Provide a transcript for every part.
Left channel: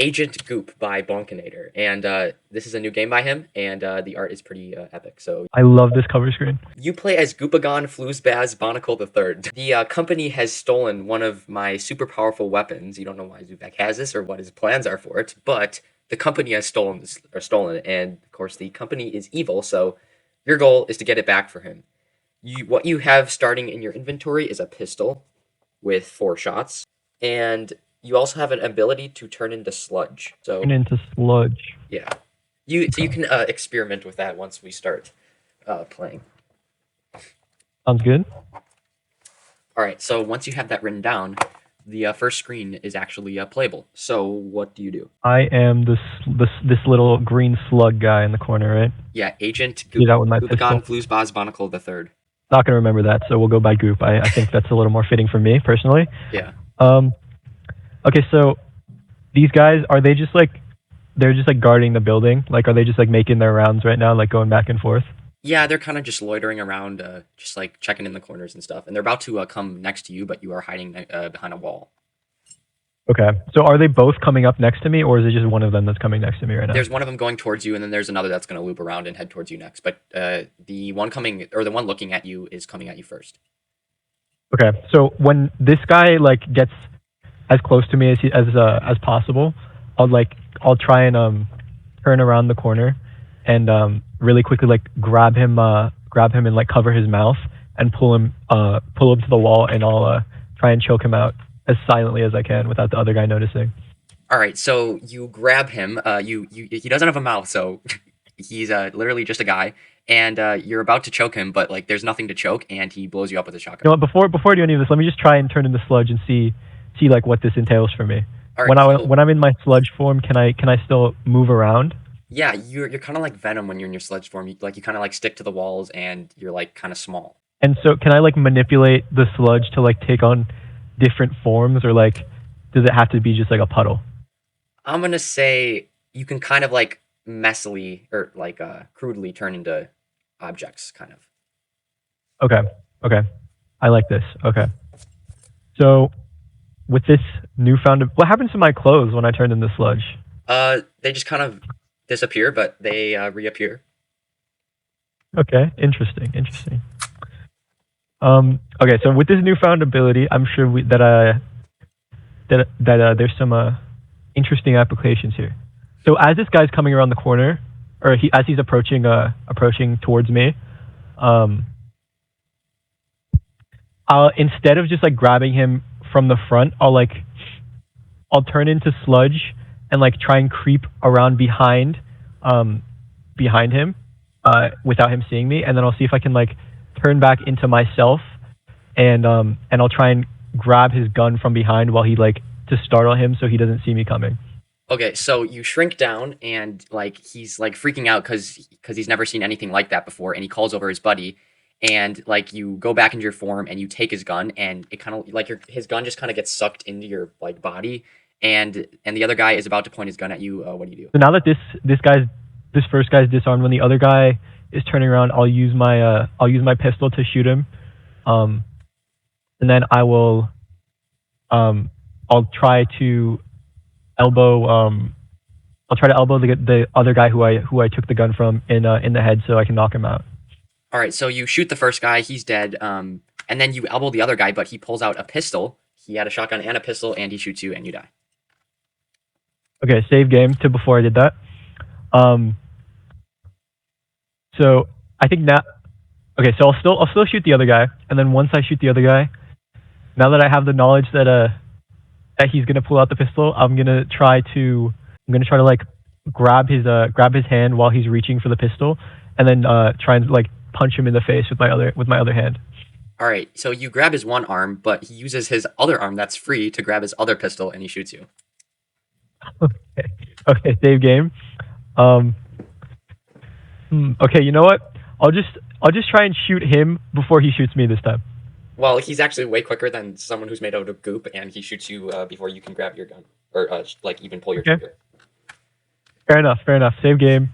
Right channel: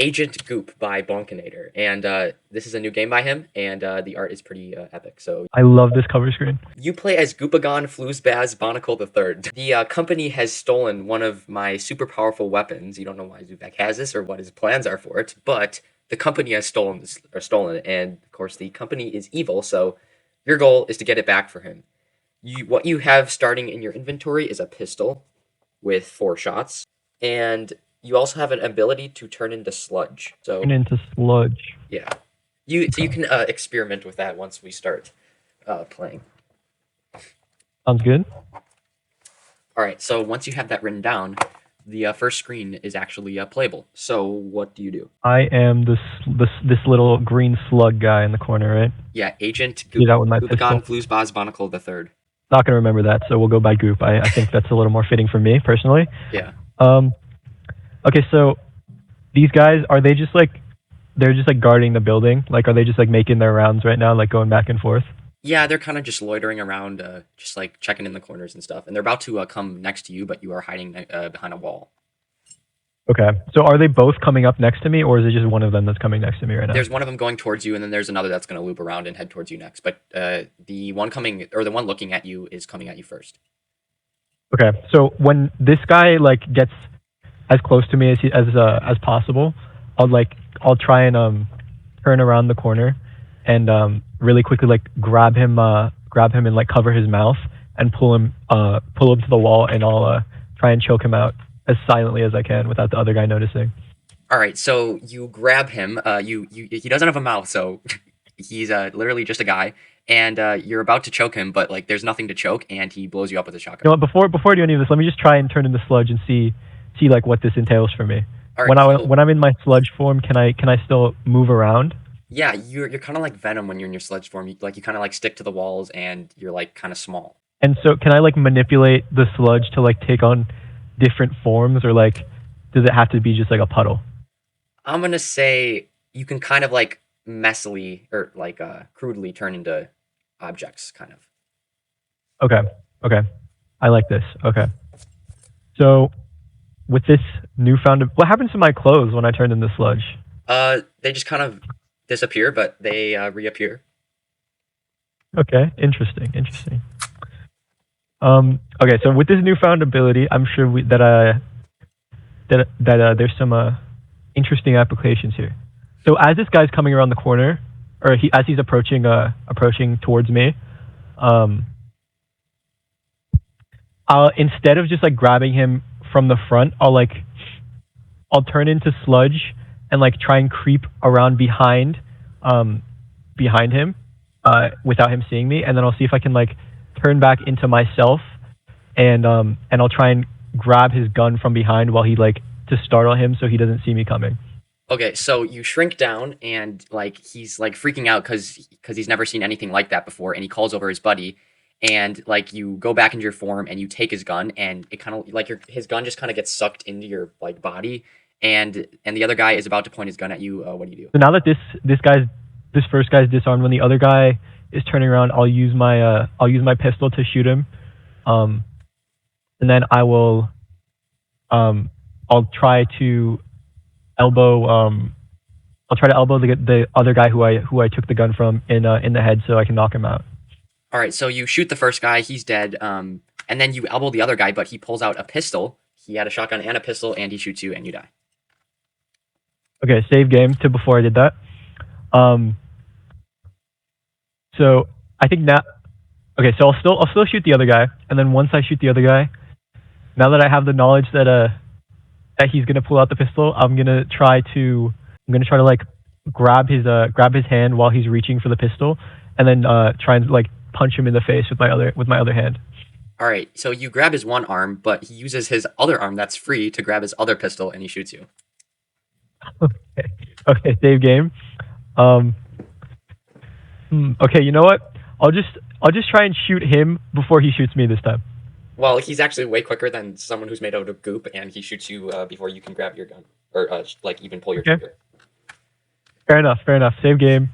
Agent Goop by Bonkinator, and this is a new game by him, and the art is pretty epic. So I love this cover screen. you play as Goopagon Floozebaz Barnacle III. The company has stolen one of my super powerful weapons. You don't know why Zubek has this or what his plans are for it, but the company has stolen it, and of course the company is evil. So your goal is to get it back for him. What you have starting in your inventory is a pistol with 4 shots, and you also have an ability to turn into sludge. So Turn into sludge. yeah, you can experiment with that once we start playing. Sounds good. All right, so once you have that written down, the first screen is actually playable. So what do you do? I am this little green slug guy in the corner, right? Yeah, Agent Get out with my pistol. Goopagon Floozebaz Barnacle III. Not gonna remember that, so we'll go by Goop. I think that's a little more fitting for me personally. Yeah. Okay, so these guys are they just like they're just like guarding the building? Like are they just like making their rounds right now, like going back and forth? Yeah, they're kind of just loitering around, just like checking in the corners and stuff. And they're about to come next to you, but you are hiding behind a wall. Okay. So are they both coming up next to me, or is it just one of them that's coming next to me right now? There's one of them going towards you, and then there's another that's going to loop around and head towards you next. But the one looking at you is coming at you first. Okay. So when this guy like gets as close to me as possible, I'll try and turn around the corner and really quickly like grab him and like cover his mouth and pull him to the wall, and I'll try and choke him out as silently as I can without the other guy noticing. All right, so you grab him. He doesn't have a mouth, so he's literally just a guy, and you're about to choke him, but like there's nothing to choke, and he blows you up with a shotgun. You know what? Before I do any of this, let me just try and turn into sludge and see like what this entails for me. All right, When I'm in my sludge form, can I still move around? Yeah, you're kind of like Venom when you're in your sludge form. You kind of like stick to the walls, and you're like kind of small. And so can I like manipulate the sludge to like take on different forms, or like does it have to be just like a puddle? I'm gonna say you can kind of like messily or like crudely turn into objects, kind of. Okay. I like this. Okay. So with this newfound, what happens to my clothes when I turn into sludge? They just kind of disappear, but they reappear. Okay, interesting. Okay, so with this newfound ability, I'm sure that there's some interesting applications here. So as this guy's coming around the corner, or as he's approaching towards me, I'll, instead of just like grabbing him from the front, I'll turn into sludge and like try and creep around behind him without him seeing me, and then I'll see if I can like turn back into myself, and I'll try and grab his gun from behind while he like to startle him so he doesn't see me coming. Okay, so you shrink down, and like he's like freaking out because he's never seen anything like that before, and he calls over his buddy, and like you go back into your form and you take his gun, and it kind of like his gun just kind of gets sucked into your like body, and the other guy is about to point his gun at you. What do you do? So now that this first guy's disarmed, when the other guy is turning around, I'll use my pistol to shoot him, and then I'll try to elbow the other guy who I took the gun from in the head so I can knock him out. All right, so you shoot the first guy, he's dead, and then you elbow the other guy, but he pulls out a pistol. He had a shotgun and a pistol, and he shoots you, and you die. Okay, save game to before I did that. So I think now, okay, so I'll still shoot the other guy, and then once I shoot the other guy, now that I have the knowledge that he's gonna pull out the pistol, I'm gonna try to like grab his hand while he's reaching for the pistol, and then try and like punch him in the face with my other hand. All right, so you grab his one arm, but he uses his other arm that's free to grab his other pistol, and he shoots you. Okay, save game. Okay, you know what? I'll just try and shoot him before he shoots me this time. Well, he's actually way quicker than someone who's made out of goop, and he shoots you before you can grab your gun or like even pull your trigger. Fair enough. Save game.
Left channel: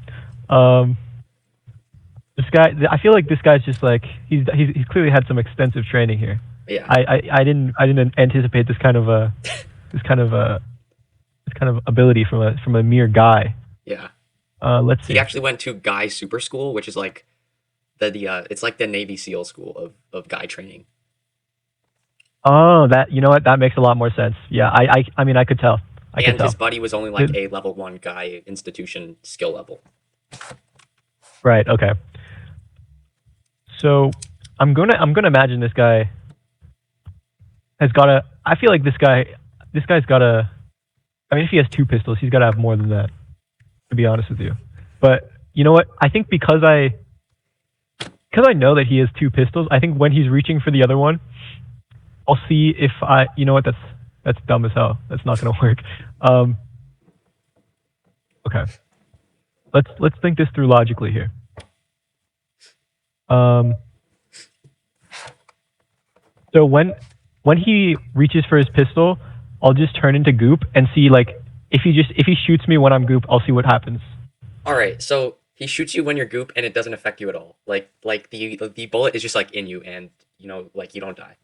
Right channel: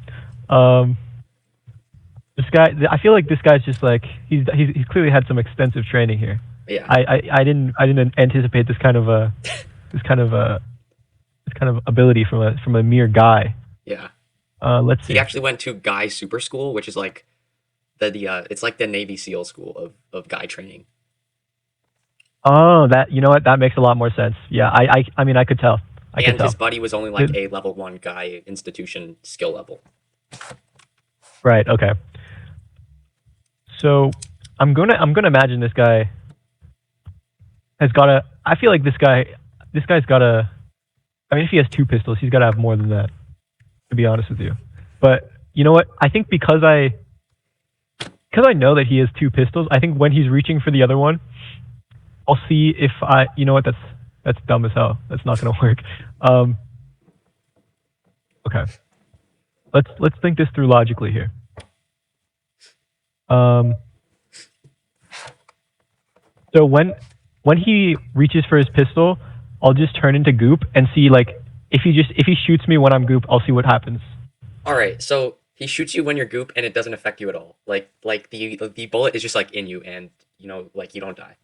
This guy, I feel like this guy's just like he's clearly had some extensive training here. Yeah. I didn't anticipate this kind of kind of ability from a mere guy. Yeah. Let's He see. actually went to Guy Super School, which is like it's like the Navy SEAL school of guy training. Oh, that you know what? That makes a lot more sense. Yeah, I mean, I could tell. I could And his tell. buddy was only like Well, a level one guy institution skill level. right. So I'm gonna imagine this guy has got a. I feel like this guy's got a. I mean, if he has two pistols, he's got to have more than that. To be honest with you, but you know what? I think because I know that he has two pistols, I think when he's reaching for the other one, I'll see if I. You know what? That's dumb as hell. That's not gonna work. Um, okay. Let's think this through logically here. Um, so when he reaches for his pistol, I'll just turn into Goop and see like if he shoots me when I'm Goop, I'll see what happens. All right, so he shoots you when you're Goop, and it doesn't affect you at all. Like the bullet is just like in you, and like you don't die.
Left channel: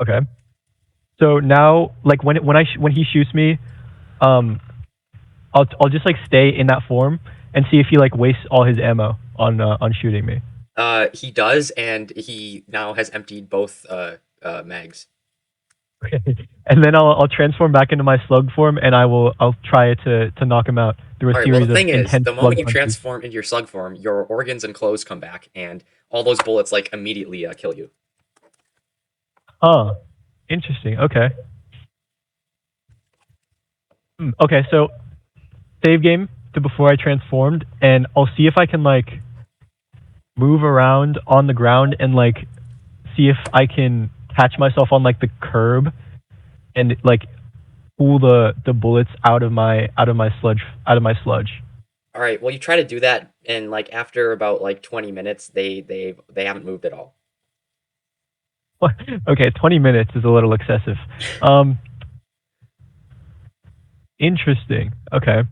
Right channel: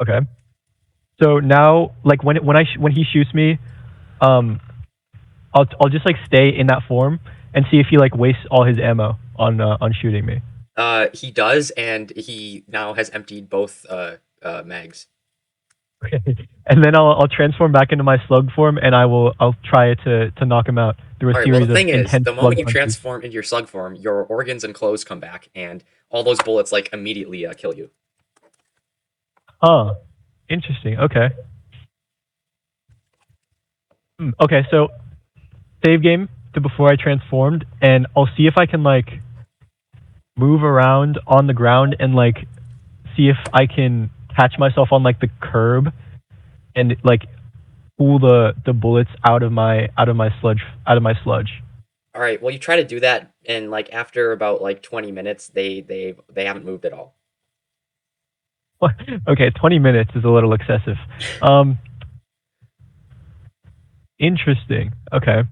Okay. So now, like when he shoots me, um, I'll just like stay in that form and see if he like wastes all his ammo on shooting me. He does, and he now has emptied both mags. And then I'll transform back into my slug form, and I'll try to knock him out. Well, the thing is, the moment you transform into your slug form, your organs and clothes come back, and all those bullets like immediately kill you. Oh, interesting. Okay. Okay, so save game to before I transformed, and I'll see if I can like move around on the ground and like see if I can catch myself on like the curb and like pull the bullets out of my sludge. All right, well, you try to do that, and like after about like 20 minutes, they haven't moved at all. Okay, 20 minutes is a little excessive. Um, interesting. Okay,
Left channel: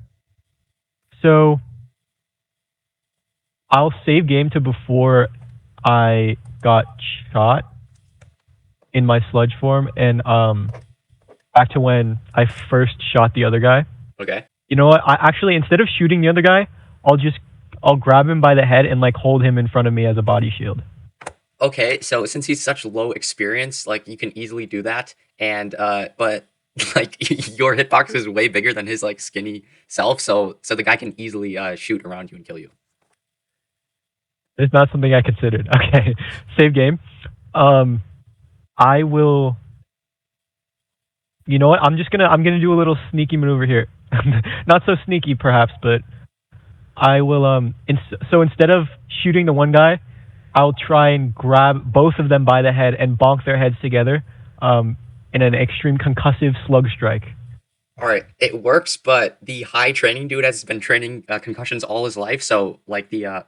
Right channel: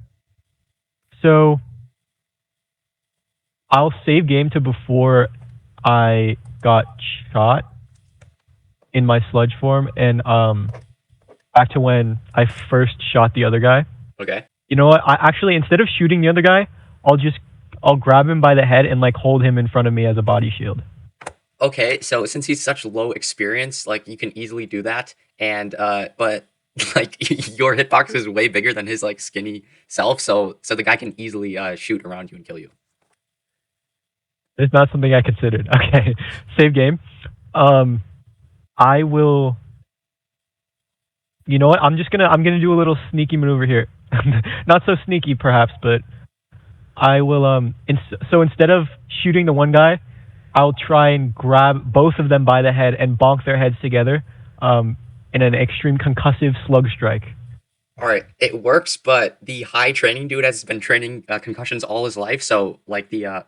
so I'll save game to before I got shot in my sludge form, and back to when I first shot the other guy. Okay. You know what? I actually instead of shooting the other guy, I'll just I'll grab him by the head and like hold him in front of me as a body shield. Okay, so since he's such low experience, like you can easily do that, and but like your hitbox is way bigger than his like skinny self, so the guy can easily shoot around you and kill you. It's not something I considered. Okay, save game. Um, I will. You know what? I'm gonna do a little sneaky maneuver here. Not so sneaky, perhaps, but I will. So instead of shooting the one guy, I'll try and grab both of them by the head and bonk their heads together, in an extreme concussive slug strike. All right, it works, but the high training dude has been training concussions all his life, so like the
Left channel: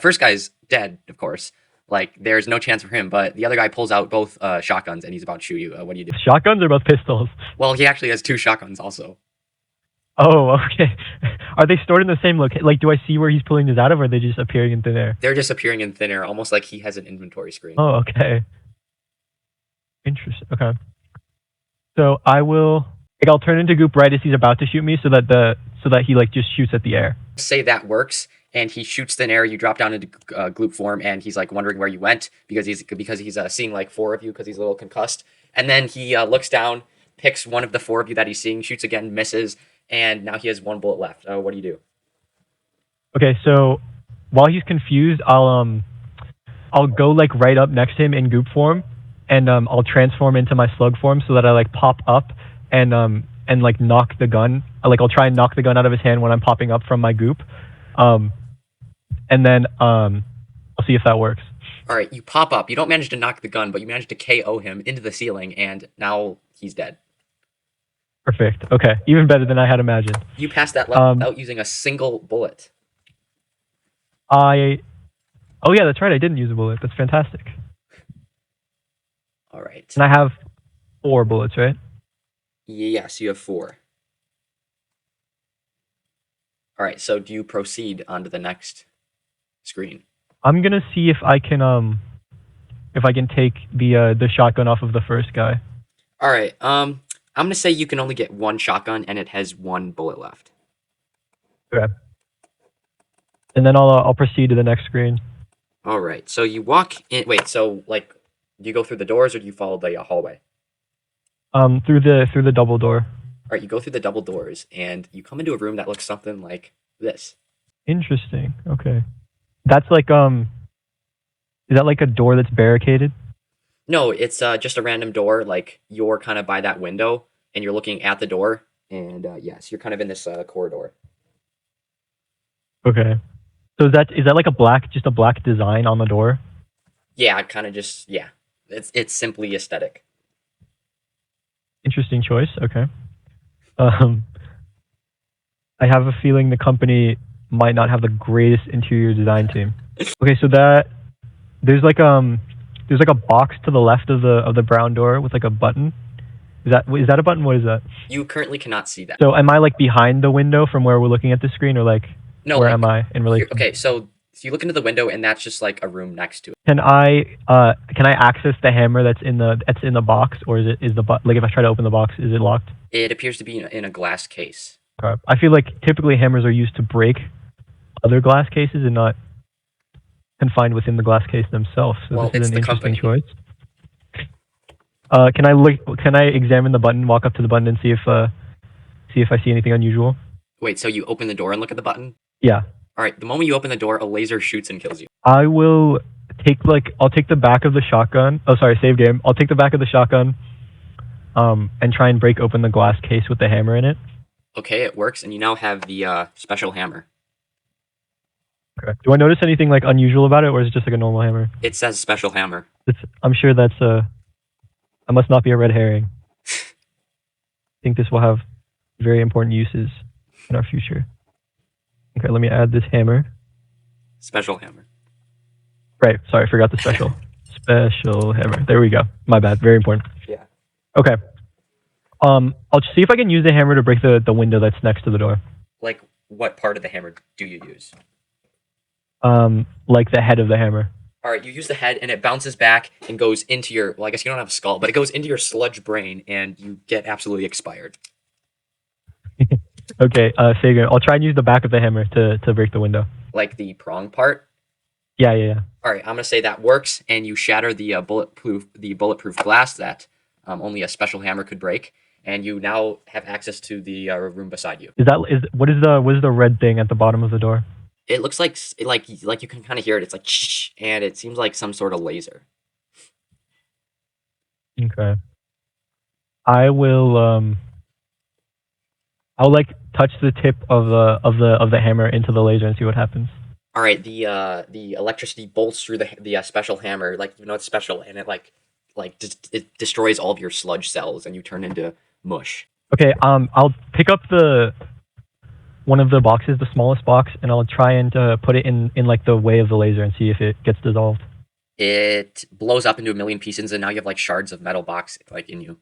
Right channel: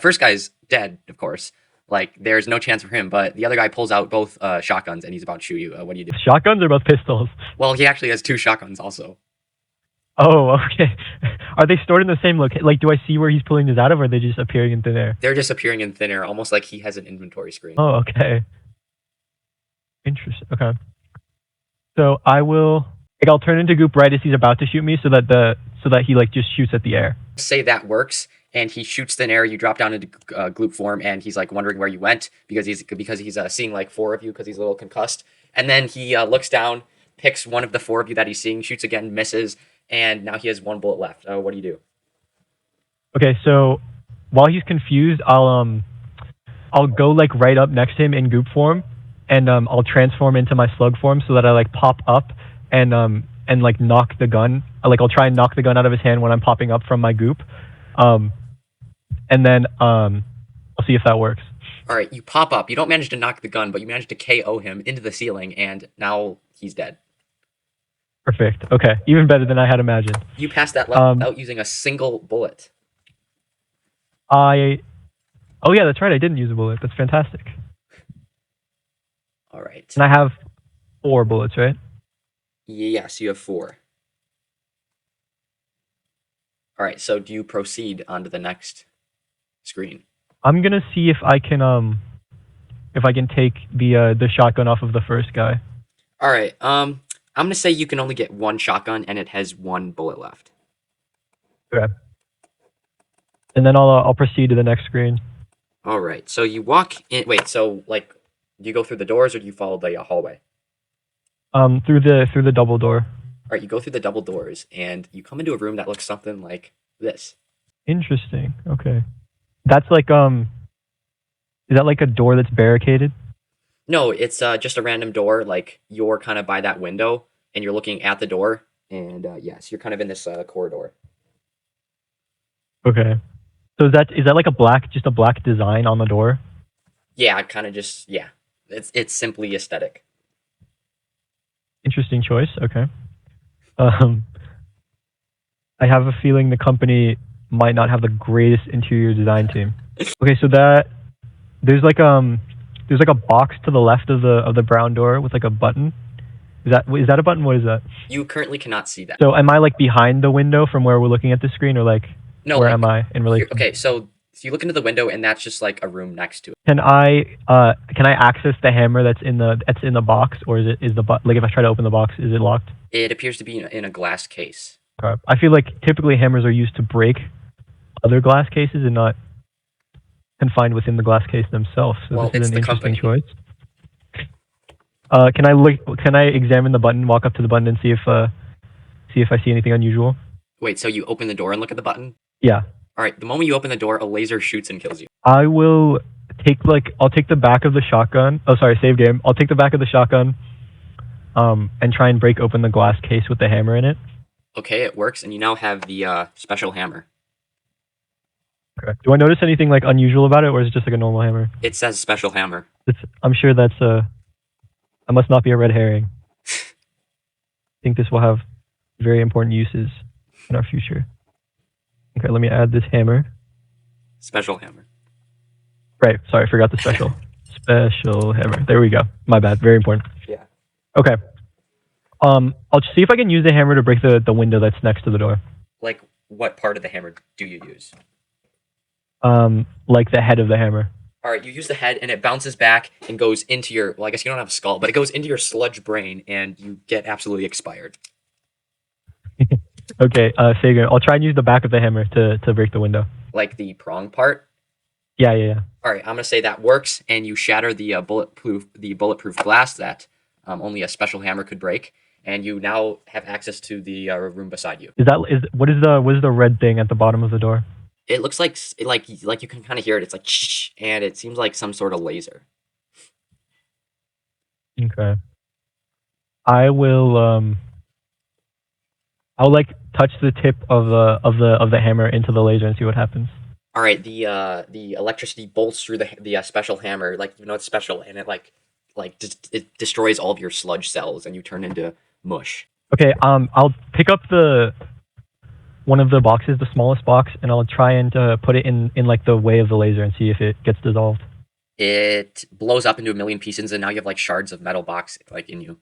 first guy's dead, of course. Like there's no chance for him, but the other guy pulls out both shotguns and he's about to shoot you. What do you do? Shotguns are both pistols. Well, he actually has two shotguns also. Oh, okay. Are they stored in the same location? Like, do I see where he's pulling this out of, or are they just appearing in thin air? They're just appearing in thin air, almost like he has an inventory screen. Oh, okay. Interesting. Okay. So I will. Like, I'll turn into Goop right as he's about to shoot me, so that he like just shoots at the air. Say that works, and he shoots thin air. You drop down into gloop form, and he's like wondering where you went because he's seeing like four of you because he's a little concussed. And then he looks down, picks one of the four of you that he's seeing, shoots again, misses, and now he has one bullet left. What do you do? Okay, so while he's confused, I'll go like right up next to him in Goop form, and I'll transform into my slug form so that I like pop up and like knock the gun. Like I'll try and knock the gun out of his hand when I'm popping up from my Goop, um, and then we'll see if that works. All right, you pop up. You don't manage to knock the gun, but you manage to KO him into the ceiling, and now he's dead. Perfect. Okay, even better than I had imagined. You passed that level without using a single bullet. Oh yeah, that's right. I didn't use a bullet. That's fantastic. All right. And I have 4 bullets, right? Yes, you have four. All right, so do you proceed on to the next screen? I'm gonna see if I can take the shotgun off of the first guy. All right. I'm gonna say you can only get one shotgun, and it has one bullet left. Okay. And then I'll proceed to the next screen. All right. So you walk in. Wait. So like, do you go through the doors or do you follow the hallway? Through the double door. All right. You go through the double doors, and you come into a room that looks something like this. Interesting. Okay. That's like is that like a door that's barricaded? No, it's just a random door. Like you're kind of by that window, and you're looking at the door. And yes, you're kind of in this corridor. Okay. So is that like just a black design on the door? Yeah, kind of just yeah. It's simply aesthetic. Interesting choice. Okay. Um, I have a feeling the company might not have the greatest interior design team. Okay, so there's like there's like a box to the left of the brown door with like a button. Is that a button? What is that? You currently cannot see that. So am I like behind the window from where we're looking at the screen, or like No, where am I in relation? okay. So you look into the window, and that's just like a room next to it. Can I access the hammer that's in the box, or is the like if I try to open the box, is it locked? It appears to be in a glass case. Okay. I feel like typically hammers are used to break other glass cases and not confined within the glass case themselves. So Well, this it's is an the interesting company. choice. Can I examine the button, walk up to the button, and see if I see anything unusual? Wait, so you open the door and look at the button? Yeah. All right. The moment you open the door, a laser shoots and kills you. I'll take the back of the shotgun. Oh, sorry, save game. I'll take the back of the shotgun, and try and break open the glass case with the hammer in it. Okay, it works, and you now have the special hammer. Okay. Do I notice anything like unusual about it, or is it just like a normal hammer? It says special hammer. I'm sure that must not be a red herring. I think this will have very important uses in our future. Okay, let me add this hammer. Special hammer. Right, sorry, I forgot the special. Special hammer. There we go. My bad. Very important. Yeah. Okay. I'll see if I can use the hammer to break the window that's next to the door. Like, what part of the hammer do you use? Like the head of the hammer. All right, you use the head, and it bounces back and goes into your. Well, I guess you don't have a skull, but it goes into your sludge brain, and you get absolutely expired. Okay, save game. I'll try and use the back of the hammer to break the window. Like the prong part. Yeah. All right, I'm gonna say that works, and you shatter the bulletproof glass that only a special hammer could break, and you now have access to the room beside you. What is the red thing at the bottom of the door? It looks like like you can kind of hear it. It's like shh, and it seems like some sort of laser. Okay. I will I'll like touch the tip of the hammer into the laser and see what happens. All right, the electricity bolts through the special hammer, like you know it's special, and it destroys all of your sludge cells, and you turn into mush. Okay, I'll pick up one of the boxes, the smallest box, and I'll try and put it in like the way of the laser and see if it gets dissolved. It blows up into a million pieces, and now you have like shards of metal box like in you.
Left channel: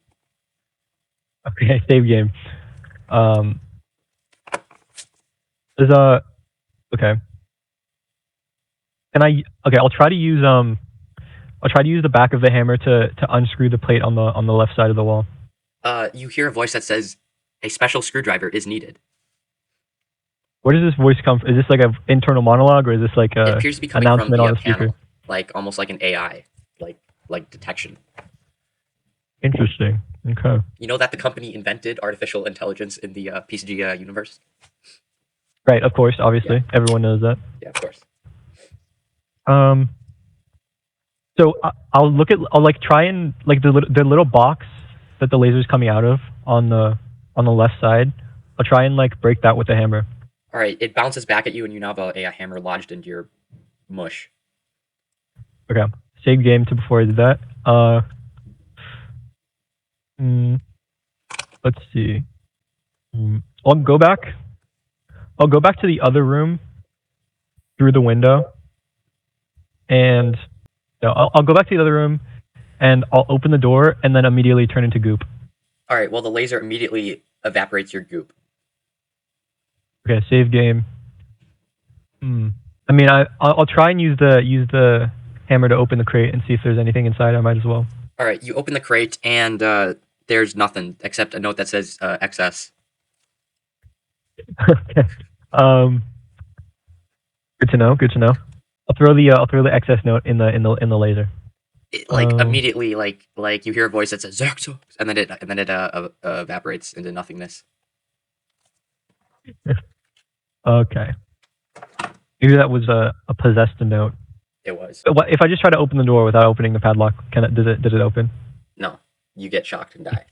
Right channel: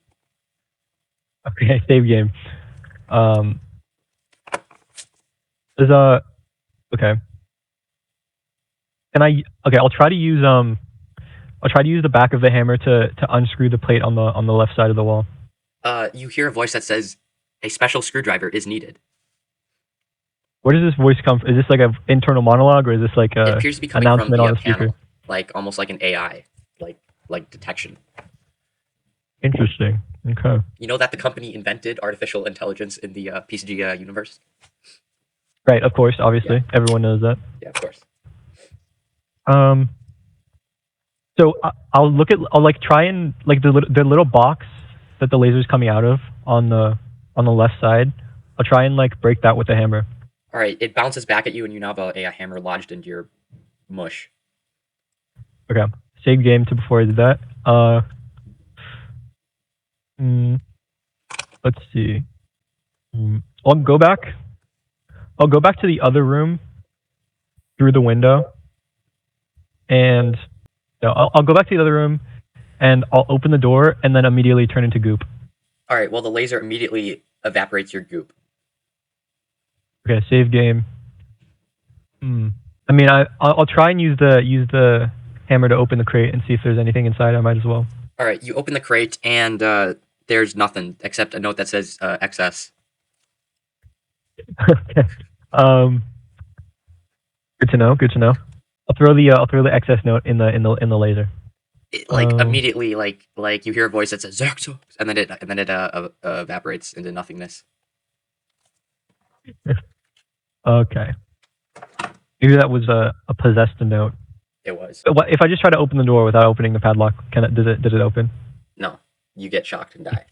Okay, save game. There's a okay. I'll try to use the back of the hammer to unscrew the plate on the left side of the wall. You hear a voice that says, "A special screwdriver is needed." Where does this voice come from? Is this like an internal monologue, or is this like It a appears to be coming from announcement the on the speaker? panel, like almost like an AI, like detection. Interesting. Okay. You know that the company invented artificial intelligence in the PCG universe? Right. Of course. Obviously, everyone knows that. Yeah, of course. So I'll like try and like the little box that the laser's coming out of on the left side. I'll try and like break that with the hammer. All right, it bounces back at you, and you now have a hammer lodged into your mush. Okay. Save game to before I did that. Let's see. I'll go back to the other room through the window, and I'll go back to the other room, and I'll open the door, and then immediately turn into goop. All right. Well, the laser immediately evaporates your goop. Okay, save game. I mean, I'll try and use the hammer to open the crate and see if there's anything inside. I might as well. All right. You open the crate, and There's nothing except a note that says XS. Okay. Um, good to know. Good to know. I'll throw the excess note in the laser. Like Um, immediately, like you hear a voice that says Xerxes, and then it evaporates into nothingness. okay. Maybe that was a possessed note. It was. What if I just try to open the door without opening the padlock? Did it open? No, you get shocked and die.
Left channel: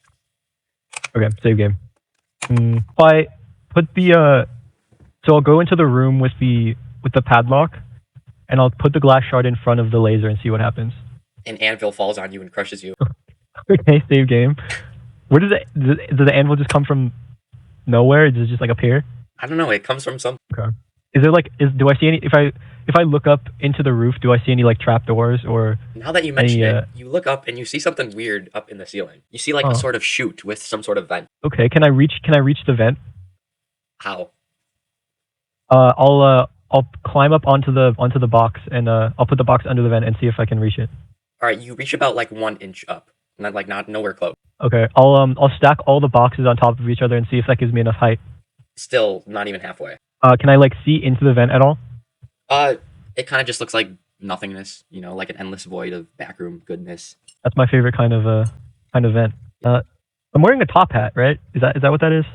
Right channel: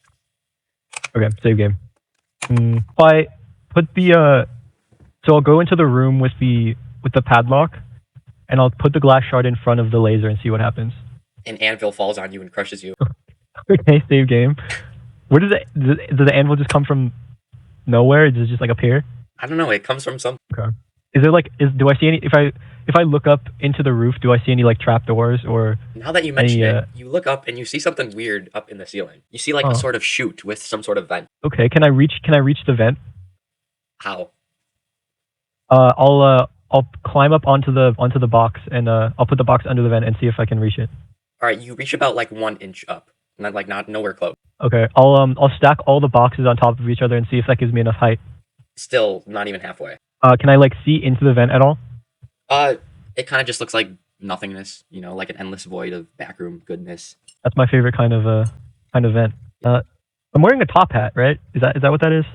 Okay, save game. If I put the so I'll go into the room with the padlock, and I'll put the glass shard in front of the laser and see what happens. An anvil falls on you and crushes you. Okay, save game. Where does the anvil just come from? Nowhere? Does it just like appear? I don't know. It comes from some. Okay. Is there like do I see any if I look up into the roof, do I see any like trapdoors or Now that you mention any it, you look up and you see something weird up in the ceiling. You see like a sort of chute with some sort of vent. Okay, can I reach the vent? How? I'll climb up onto the box and I'll put the box under the vent and see if I can reach it. All right, you reach about like 1 inch up, not nowhere close. Okay, I'll stack all the boxes on top of each other and see if that gives me enough height. Still not even halfway. Can I like see into the vent at all? It kind of just looks like nothingness, you know, like an endless void of backroom goodness. That's my favorite kind of vent. I'm wearing a top hat, right? Is that what that is?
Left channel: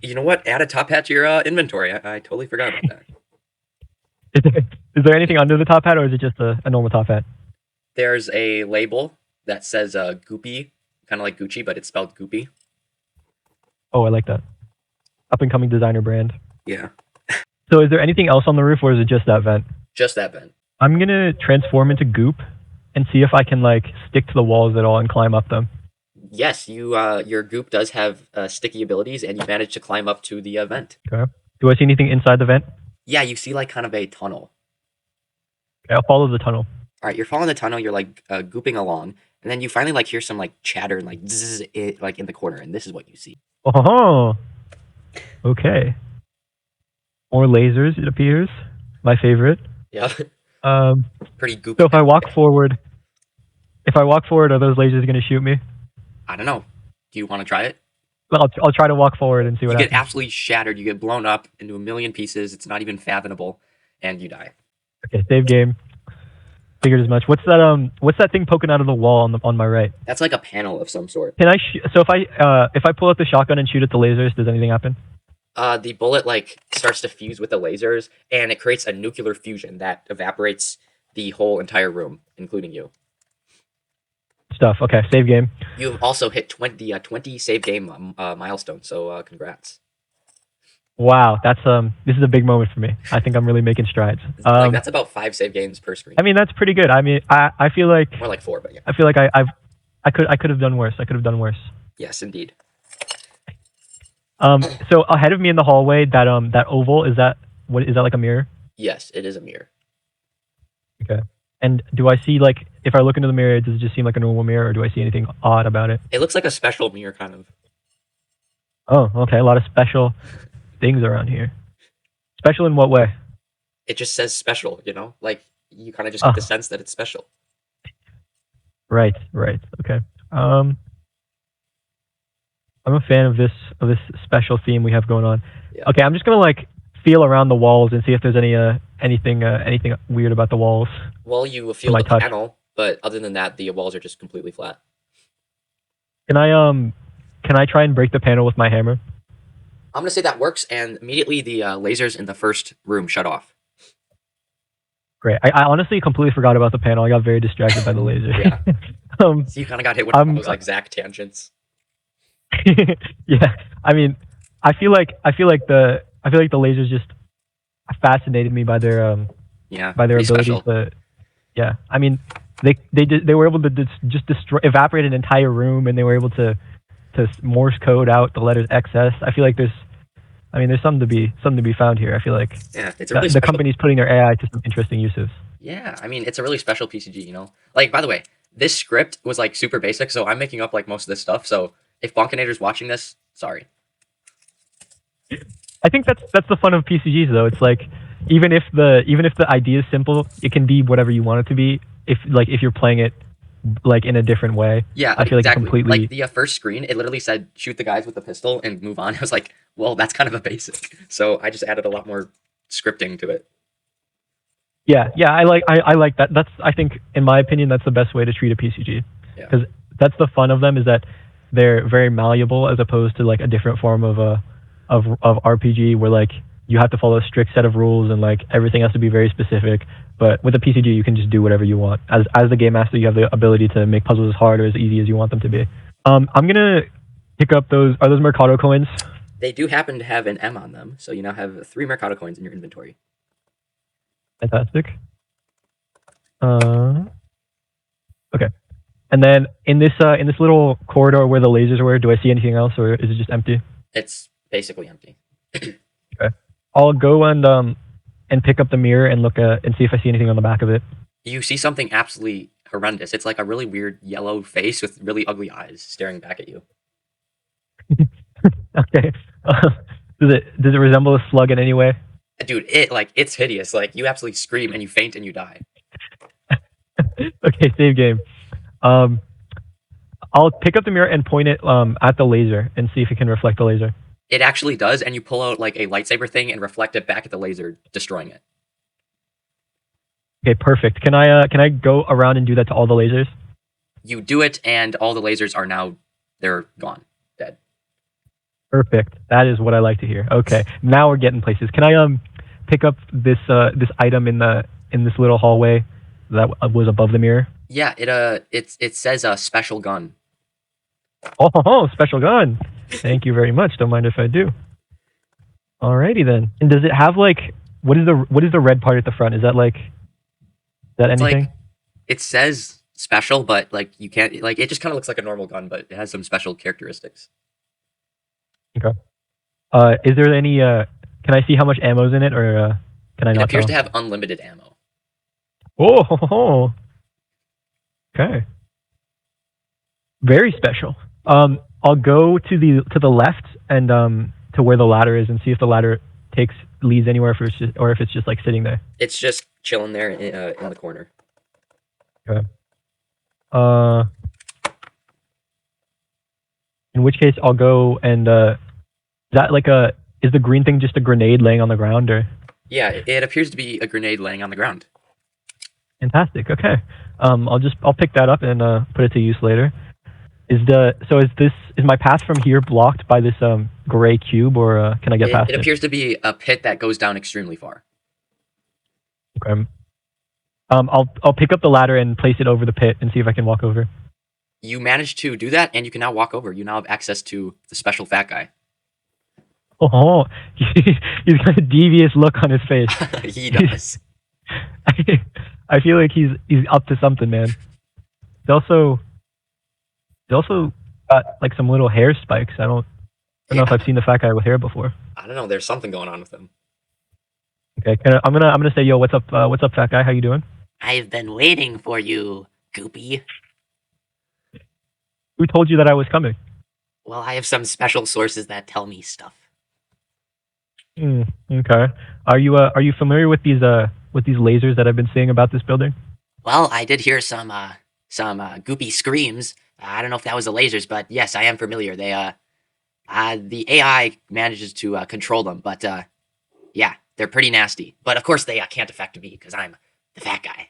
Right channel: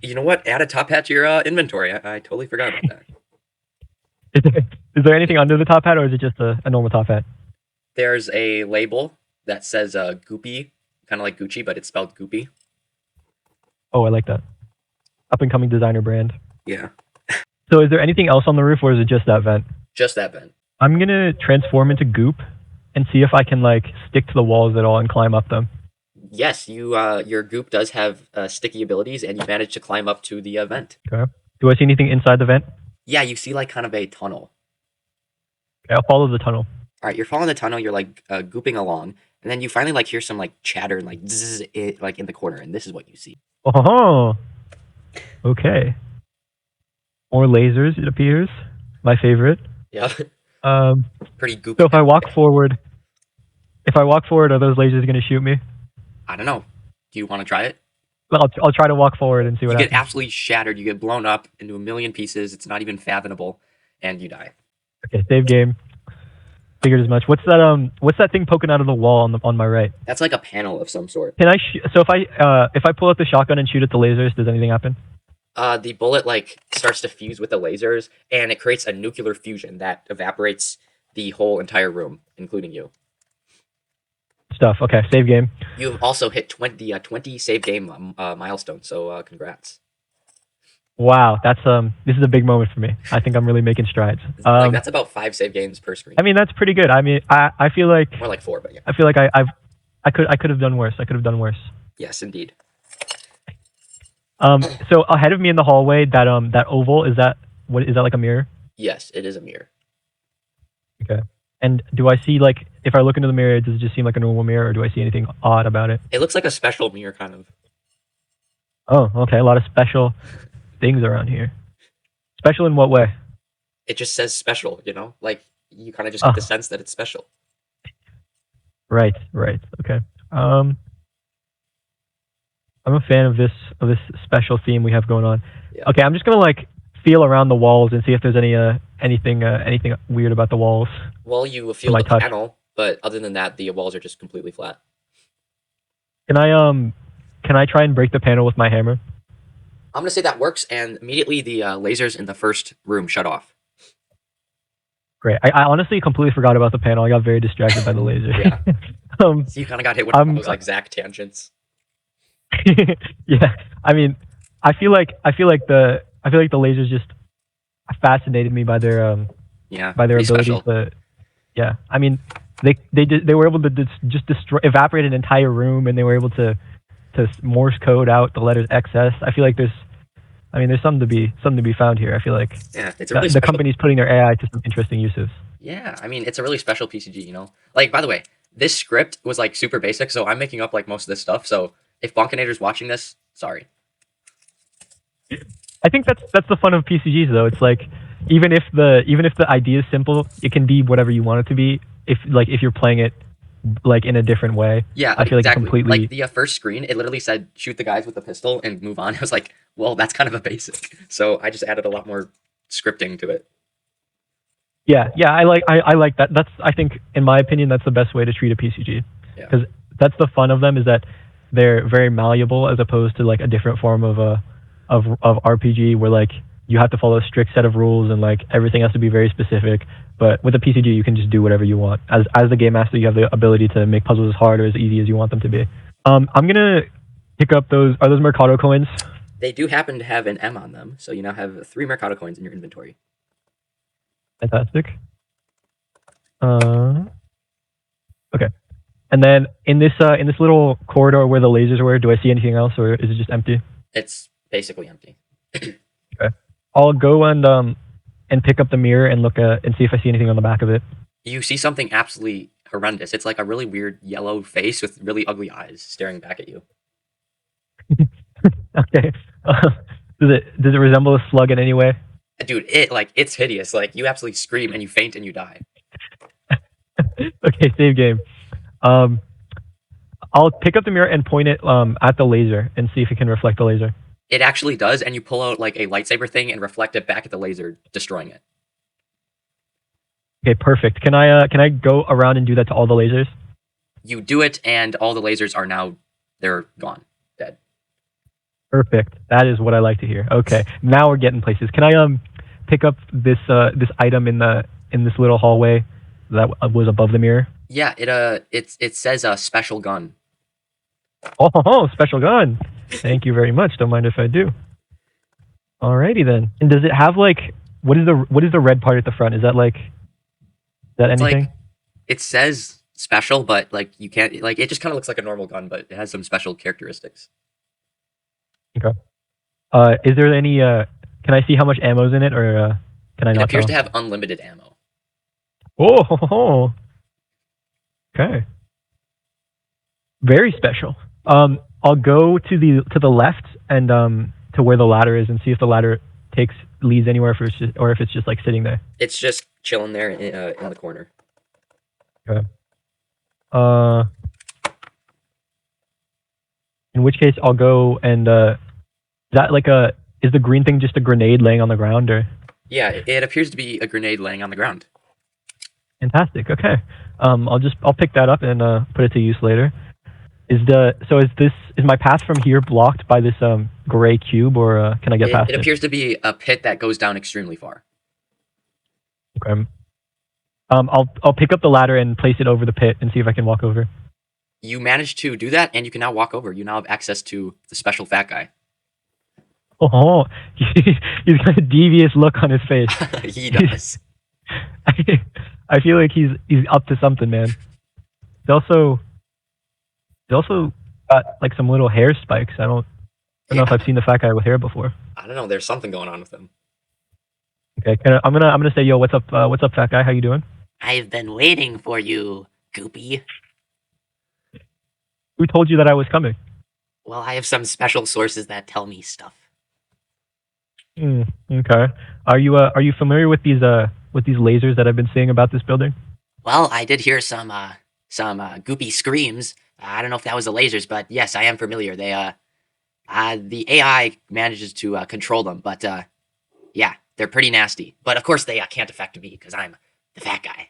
You know what? Add a top hat to your inventory. I totally forgot about that. Is there anything under the top hat, or is it just a normal top hat? There's a label that says Goopy, kind of like Gucci, but it's spelled Goopy. Oh, I like that. Up and coming designer brand. Yeah. So is there anything else on the roof, or is it just that vent? Just that vent. I'm gonna transform into Goop and see if I can like stick to the walls at all and climb up them. Yes, your Goop does have sticky abilities, and you managed to climb up to the vent. Okay. Do I see anything inside the vent? Yeah, you see like kind of a tunnel. Okay, I'll follow the tunnel. All right, you're following the tunnel. You're like gooping along, and then you finally like hear some like chatter and like zzz, like in the corner, and this is what you see. Oh, okay. More lasers, it appears. My favorite. Yeah. Pretty goopy. So if I walk forward, are those lasers going to shoot me? I don't know. Do you want to try it? Well, I'll try to walk forward and see what You happens. get absolutely shattered. You get blown up into a million pieces. It's not even fathomable, and you die. Okay, save game. Figured as much. What's that thing poking out of the wall on my right? That's like a panel of some sort. Can I? So if I pull out the shotgun and shoot at the lasers, does anything happen? The bullet like starts to fuse with the lasers, and it creates a nuclear fusion that evaporates the whole entire room, including you. Stuff. Okay, save game. You've also hit 20 save game milestone. So congrats. Wow, this is a big moment for me. I think I'm really making strides. Like that's about 5 save games per screen. I mean, that's pretty good. I mean, I feel like More like 4, but yeah. I feel like I could have done worse. I could have done worse. Yes, indeed. So ahead of me in the hallway, that oval is that like a mirror? Yes, it is a mirror. Okay. And do I see like if I look into the mirror, does it just seem like a normal mirror, or do I see anything odd about it? It looks like a special mirror, kind of. Oh, okay. A lot of special things around here. Special in what way? It just says special, you know? Like, you kind of just get the sense that it's special. Right. Okay. I'm a fan of this special theme we have going on. Yeah. Okay, I'm just gonna like feel around the walls and see if there's anything weird about the walls. Well, you feel the panel, but other than that, the walls are just completely flat. Can I try and break the panel with my hammer? I'm gonna say that works, and immediately the lasers in the first room shut off. Great. I honestly completely forgot about the panel. I got very distracted by the laser. Yeah. So you kind of got hit with one of those like exact tangents. Yeah. I mean, I feel like the lasers just fascinated me by their by their abilities special. to. Yeah. I mean, they were able to just evaporate an entire room, and they were able to Morse code out the letters XS. I feel like there's something to be found here. I feel like it's a really the company's putting their AI to some interesting uses. Yeah, I mean, it's a really special PCG, you know? Like, by the way, this script was, like, super basic, so I'm making up, like, most of this stuff, so if Bonkinator's watching this, sorry. I think that's the fun of PCGs, though. It's like, even if the idea is simple, it can be whatever you want it to be if you're playing it like in a different way. Yeah, I feel like it exactly. Like completely. the first screen, it literally said shoot the guys with the pistol and move on. I was like, well, that's kind of a basic. So I just added a lot more scripting to it. Yeah, yeah, I like that. That's I think in my opinion that's the best way to treat a PCG Yeah. because that's the fun of them is that they're very malleable as opposed to like a different form of of RPG where like you have to follow a strict set of rules and like everything has to be very specific. But with a PCG, you can just do whatever you want. As the game master, you have the ability to make puzzles as hard or as easy as you want them to be. I'm gonna pick up those. Are those Mercado coins? They do happen to have an M on them, so you now have 3 Mercado coins in your inventory. Fantastic. Uh, okay. And then in this little corridor where the lasers were, do I see anything else, or is it just empty? It's basically empty. Okay. I'll go and pick up the mirror and look at and see if I see anything on the back of it. You see something absolutely horrendous. It's like a really weird yellow face with really ugly eyes staring back at you. Okay. Does it resemble a slug in any way? Dude, it's hideous. Like you absolutely scream and you faint and you die. Okay, save game. Um, I'll pick up the mirror and point it at the laser and see if it can reflect the laser. It actually does, and you pull out like a lightsaber thing and reflect it back at the laser, destroying it. Okay, perfect. Can I go around and do that to all the lasers? You do it, and all the lasers are now they're gone, dead. Perfect. That is what I like to hear. Okay, now we're getting places. Can I pick up this item in this little hallway that was above the mirror? Yeah, it says a special gun. Oh, special gun. Thank you very much. Don't mind if I do. Alrighty then. And does it have like what is the red part at the front? Is that It's anything? like it says special, but like you can't like it just kind of looks like a normal gun, but it has some special characteristics. Okay. Is there any can I see how much ammo's in it or can I It not appears tell? to have unlimited ammo. Oh, okay. Very special. I'll go to the left and to where the ladder is and see if the ladder takes leads anywhere if it's just, or if it's just like sitting there. It's just chilling there in the corner. Okay. Uh, in which case I'll go and is that like a is the green thing just a grenade laying on the ground or? Yeah, it appears to be a grenade laying on the ground. Fantastic. Okay. I'll pick that up and put it to use later. Is my path from here blocked by this gray cube or can I get past It it? appears to be a pit that goes down extremely far. Okay. I'll pick up the ladder and place it over the pit and see if I can walk over. You managed to do that, and you can now walk over. You now have access to the special fat guy. Oh, he's got a devious look on his face. He does. I feel like he's up to something, man. He's also got like some little hair spikes. I don't know if I've seen the fat guy with hair before. I don't know. There's something going on with him. Okay, I'm gonna say, yo, what's up, fat guy? How you doing? I've been waiting for you, Goopy. Who told you that I was coming? Well, I have some special sources that tell me stuff. Okay. Are you familiar with these lasers that I've been saying about this building? Well, I did hear some Goopy screams. I don't know if that was the lasers, but yes, I am familiar. The AI manages to control them, but yeah, they're pretty nasty. But of course, they can't affect me because I'm the fat guy.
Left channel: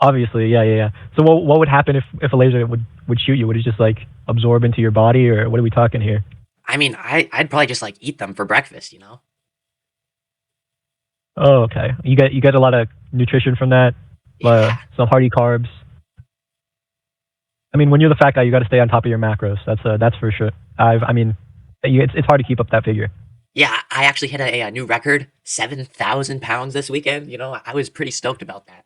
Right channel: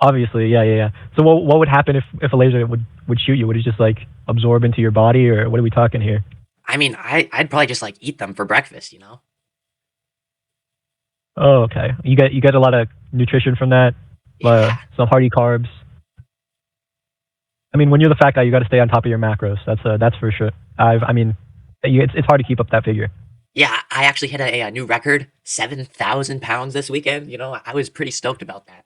Obviously, yeah. So what would happen if a laser would shoot you? Would it just like absorb into your body, or what are we talking here? I mean, I'd probably just like eat them for breakfast, you know? Oh, okay. You get a lot of nutrition from that. Yeah. Some hearty carbs. I mean, when you're the fat guy, you got to stay on top of your macros. That's for sure. I mean, it's hard to keep up that figure. Yeah, I actually hit a new record, 7,000 pounds this weekend. You know, I was pretty stoked about that.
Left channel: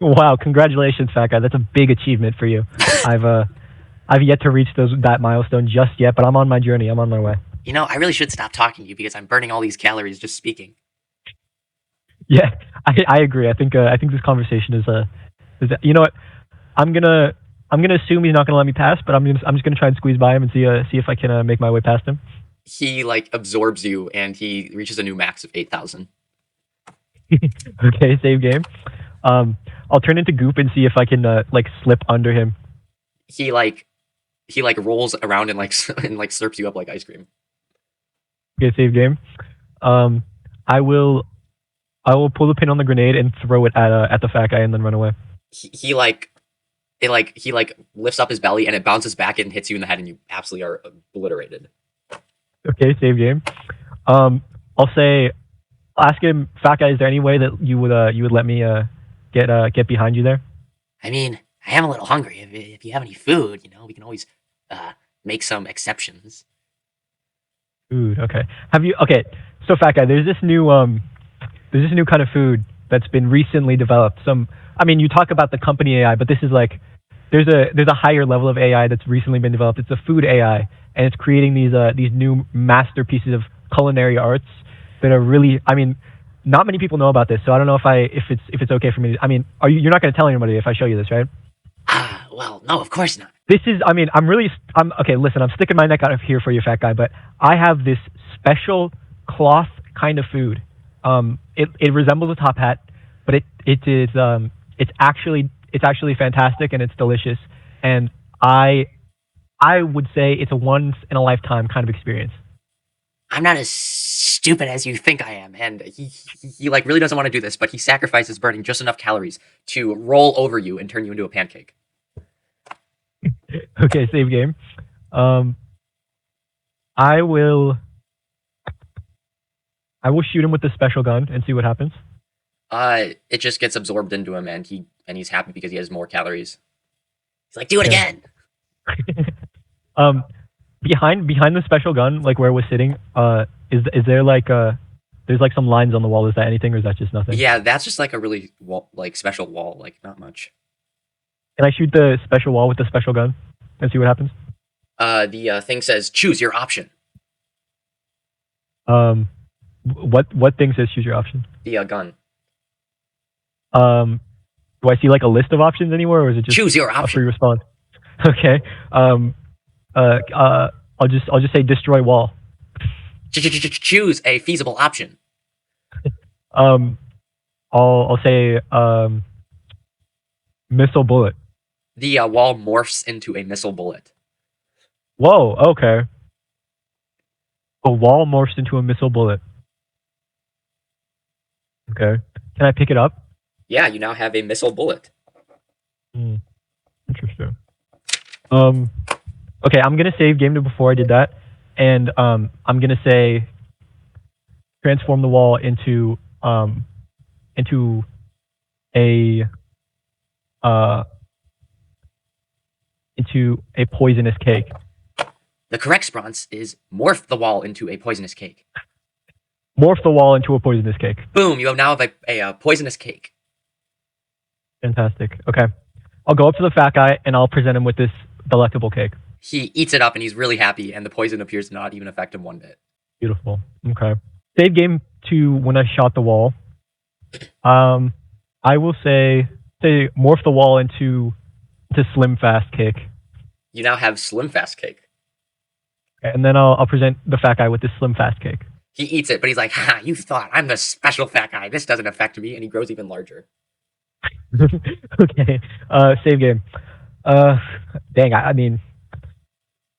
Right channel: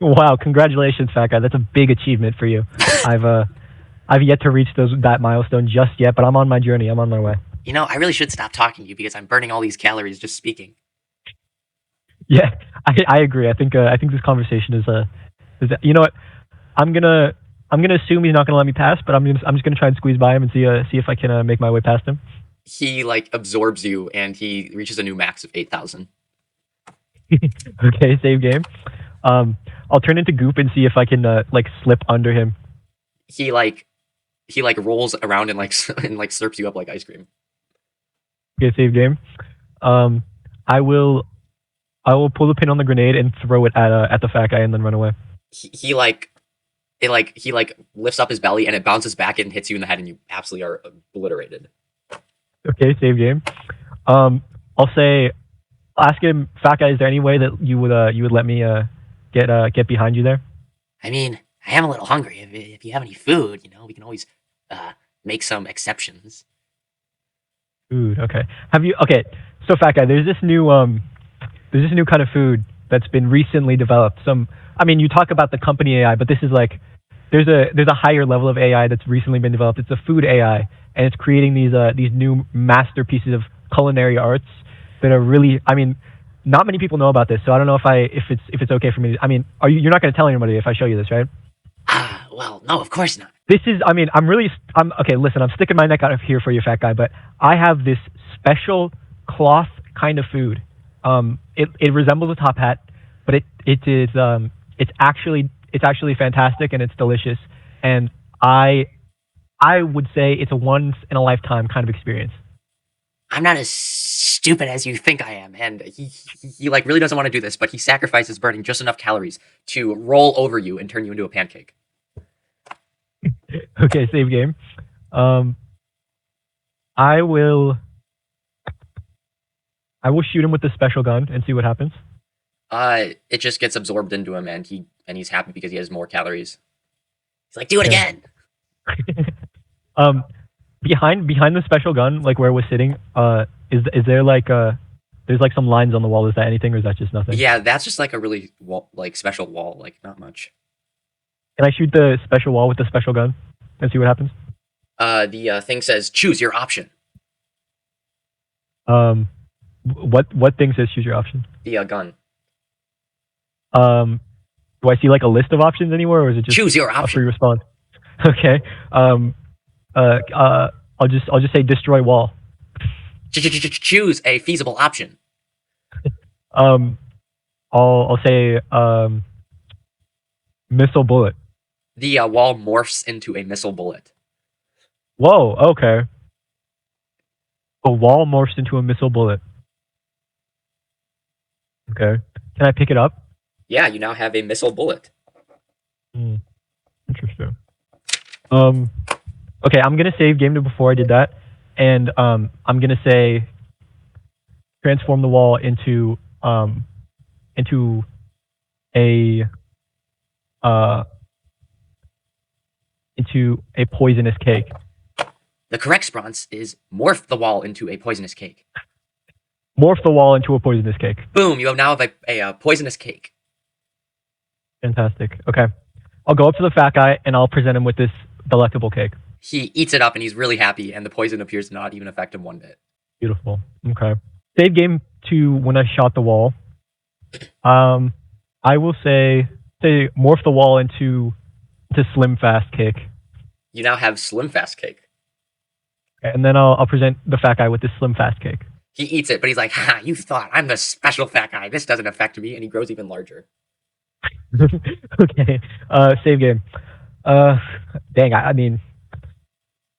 Wow, congratulations, fat guy. That's a big achievement for you. I've yet to reach that milestone just yet, but I'm on my journey. I'm on my way. You know, I really should stop talking to you because I'm burning all these calories just speaking. Yeah, I agree. I think this conversation is you know what? I'm gonna assume he's not gonna let me pass, but I'm just gonna try and squeeze by him and see if I can make my way past him. He like absorbs you, and he reaches a new max of 8,000. Okay, save game. I'll turn into Goop and see if I can like slip under him. He like he like rolls around and like and like slurps you up like ice cream. Okay, save game. Um, I will pull the pin on the grenade and throw it at the fat guy and then run away. He like he like lifts up his belly and it bounces back and hits you in the head and you absolutely are obliterated. Okay, save game. Um, I'll say, ask him, fat guy, is there any way that you would let me get behind you there? I mean, I am a little hungry. If you have any food, we can always make some exceptions. Food. Okay. Have you? Okay. So fat guy, there's this new kind of food that's been recently developed. I mean, you talk about the company AI, but this is like there's a higher level of AI that's recently been developed. It's a food AI, and it's creating these new masterpieces of culinary arts that are really. I mean, not many people know about this, so I don't know if it's okay for me. I mean, you're not going to tell anybody if I show you this, right? Ah, well, no, of course not. This is. I mean, I'm okay. Listen, I'm sticking my neck out of here for you, fat guy, but I have this special cloth kind of food. It resembles a top hat, but it's actually fantastic and it's delicious. And I would say it's a once in a lifetime kind of experience. I'm not as stupid as you think I am, and he like really doesn't want to do this, but he sacrifices burning just enough calories to roll over you and turn you into a pancake. Okay, save game. Um, I will I will shoot him with this special gun and see what happens. It just gets absorbed into him, and he's happy because he has more calories. He's like, do it Okay. again. um, behind the special gun, like where we're sitting, is there like there's like some lines on the wall. Is that anything, or is that just nothing? Yeah, that's just like a really like special wall, like not much. Can I shoot the special wall with the special gun and see what happens? The thing says choose your option. Um, what thing says choose your option? The gun. Um, do I see like a list of options anywhere, or is it just Choose your a free option. response? Okay. I'll just say destroy wall. Choose a feasible option. Um, I'll say missile bullet. The wall morphs into a missile bullet. Whoa. Okay. A wall morphs into a missile bullet. Okay. Can I pick it up? Yeah, you now have a missile bullet. Interesting. Okay, I'm gonna save game to before I did that, and I'm gonna say transform the wall into a into a poisonous cake. The correct response is morph the wall into a poisonous cake. Morph the wall into a poisonous cake. Boom! You now have a poisonous cake. Fantastic. Okay, I'll go up to the fat guy and I'll present him with this delectable cake. He eats it up and he's really happy, and the poison appears to not even affect him one bit. Beautiful. Okay. Save game to when I shot the wall. I will say morph the wall into slim fast cake, You now have slim fast cake. and then I'll present the fat guy with this slim fast cake. He eats it, but he's like, "Ha! You thought I'm the special fat guy. This doesn't affect me," and he grows even larger. Okay. Save game. Dang. I mean,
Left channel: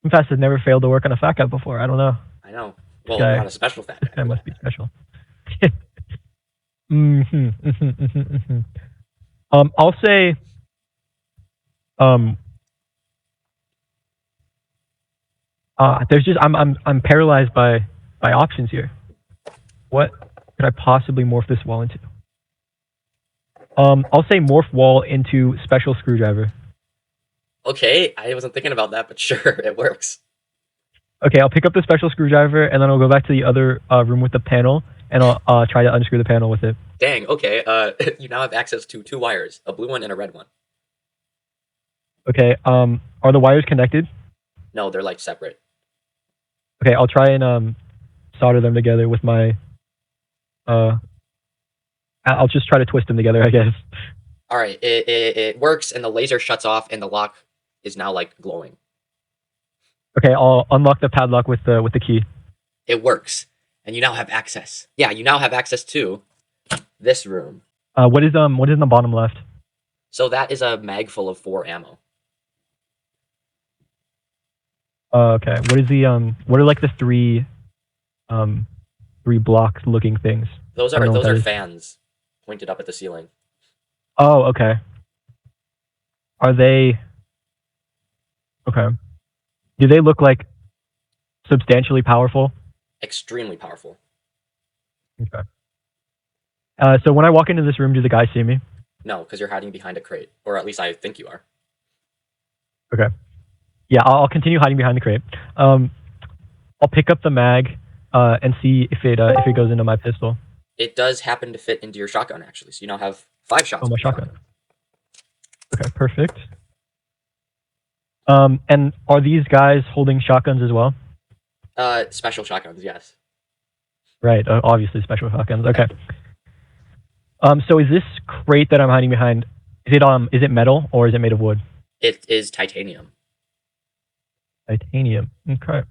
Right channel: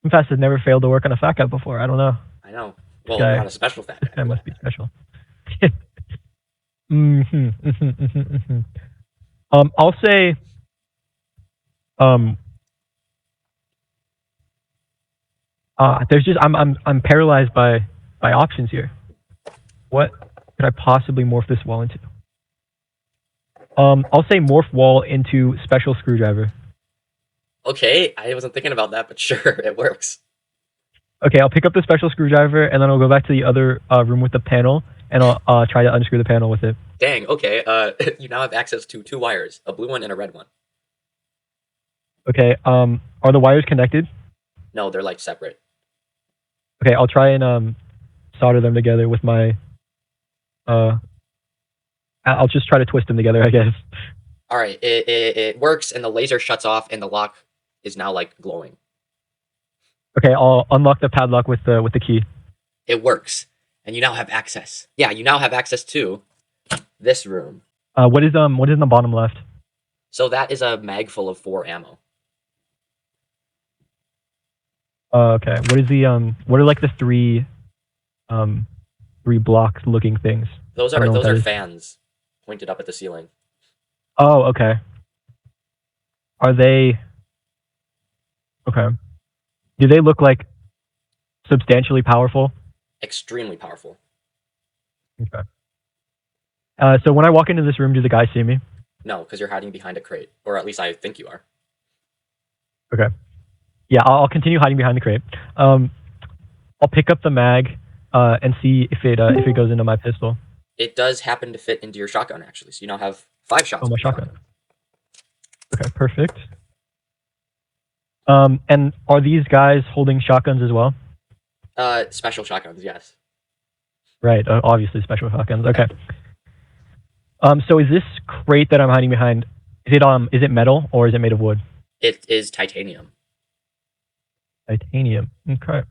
slim fast has never failed to work on a fat guy before. I don't know. I know. Well, Okay. not a special fat This guy guy. must be special. Mm-hmm, mm-hmm, mm-hmm, mm-hmm. I'll say, um, there's just I'm paralyzed by options here. What could I possibly morph this wall into? I'll say morph wall into special screwdriver. Okay, I wasn't thinking about that, but sure, it works. Okay, I'll pick up the special screwdriver and then I'll go back to the other room with the panel and I'll try to unscrew the panel with it. Dang, okay. Then you now have access to two wires, a blue one and a red one. Okay. Are the wires connected? No, they're like separate. Okay, I'll try and solder them together with my. I'll just try to twist them together, I guess. All right, it works, and the laser shuts off, and the lock is now like glowing. Okay, I'll unlock the padlock with the key. It works, and you now have access. Yeah, you now have access to this room. What is in the bottom left? So that is a mag full of 4 ammo. Okay. What is the what are like the um three block looking things? Those I don't are know what those that are is. fans pointed up at the ceiling. Oh, okay. Are they okay? Do they look like substantially powerful? Extremely powerful. Okay. So when I walk into this room, do the guys see me? No, because you're hiding behind a crate, or at least I think you are. Okay. Yeah, I'll continue hiding behind the crate. Um, I'll pick up the mag, and see if it goes into my pistol. It does happen to fit into your shotgun, actually. So you now have 5 shots Oh, my with your shotgun. shotgun. Okay, perfect. And are these guys holding shotguns as well? Special shotguns, yes. Right. Obviously, special shotguns. Okay. So is this crate that I'm hiding behind? Is it metal or is it made of wood? It is titanium. Titanium. Okay.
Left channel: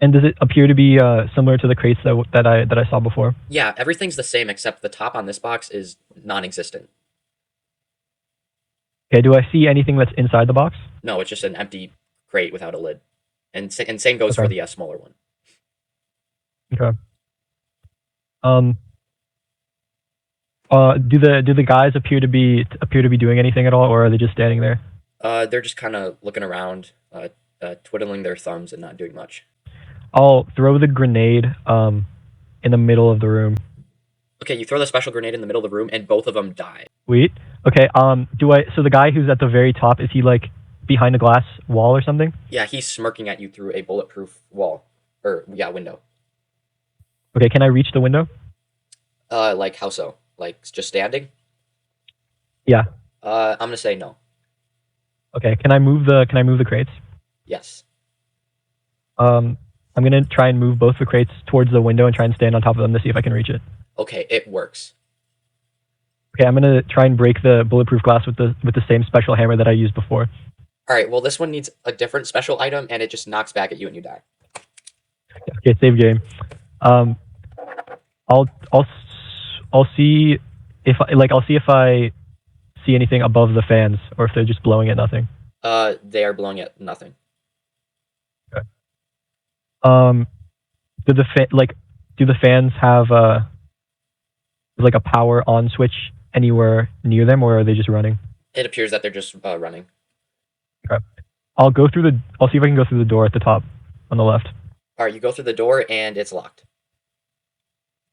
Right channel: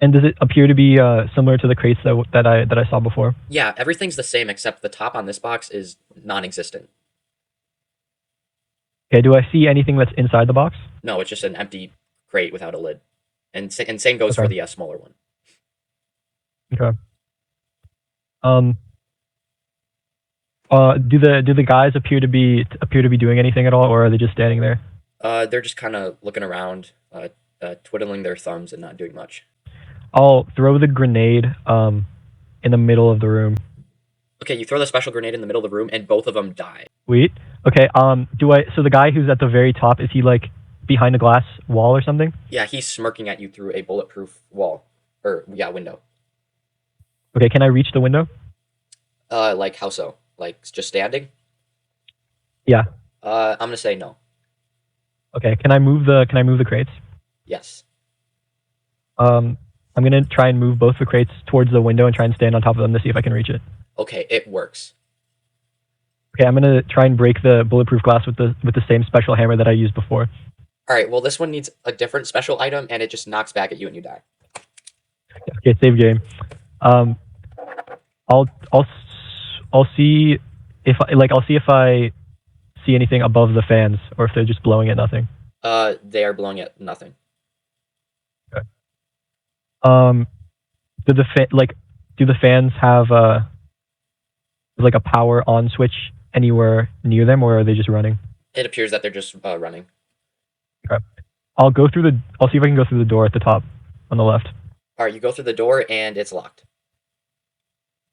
And does it appear to be similar to the crates that I saw before? Yeah, everything's the same except the top on this box is non-existent. Okay. Do I see anything that's inside the box? No, it's just an empty crate without a lid. And same goes for Okay. the smaller one. Okay. Um. Do the guys appear to be doing anything at all, or are they just standing there? They're just kind of looking around, twiddling their thumbs and not doing much. I'll throw the grenade in the middle of the room. Okay, you throw the special grenade in the middle of the room, and both of them die. Sweet. Okay. So the guy who's at the very top, is he like behind a glass wall or something? Yeah, he's smirking at you through a bulletproof wall. Or, yeah, window. Okay. Can I reach the window? Like how so? Like just standing? Yeah. I'm gonna say no. Okay. Can I move the crates? Yes. I'm gonna try and move both the crates towards the window and try and stand on top of them to see if I can reach it. Okay, it works. Okay, I'm gonna try and break the bulletproof glass with the same special hammer that I used before. Alright, well, this one needs a different special item, and it just knocks back at you and you die. Okay, save game. Um, I'll I'll I'll see if I see anything above the fans or if they're just blowing at nothing. They are blowing at nothing. Okay. Um, do the fans have like a power on switch anywhere near them, or are they just running? It appears that they're just running. Okay. I'll see if I can go through the door at the top on the left. Alright, you go through the door, and it's locked.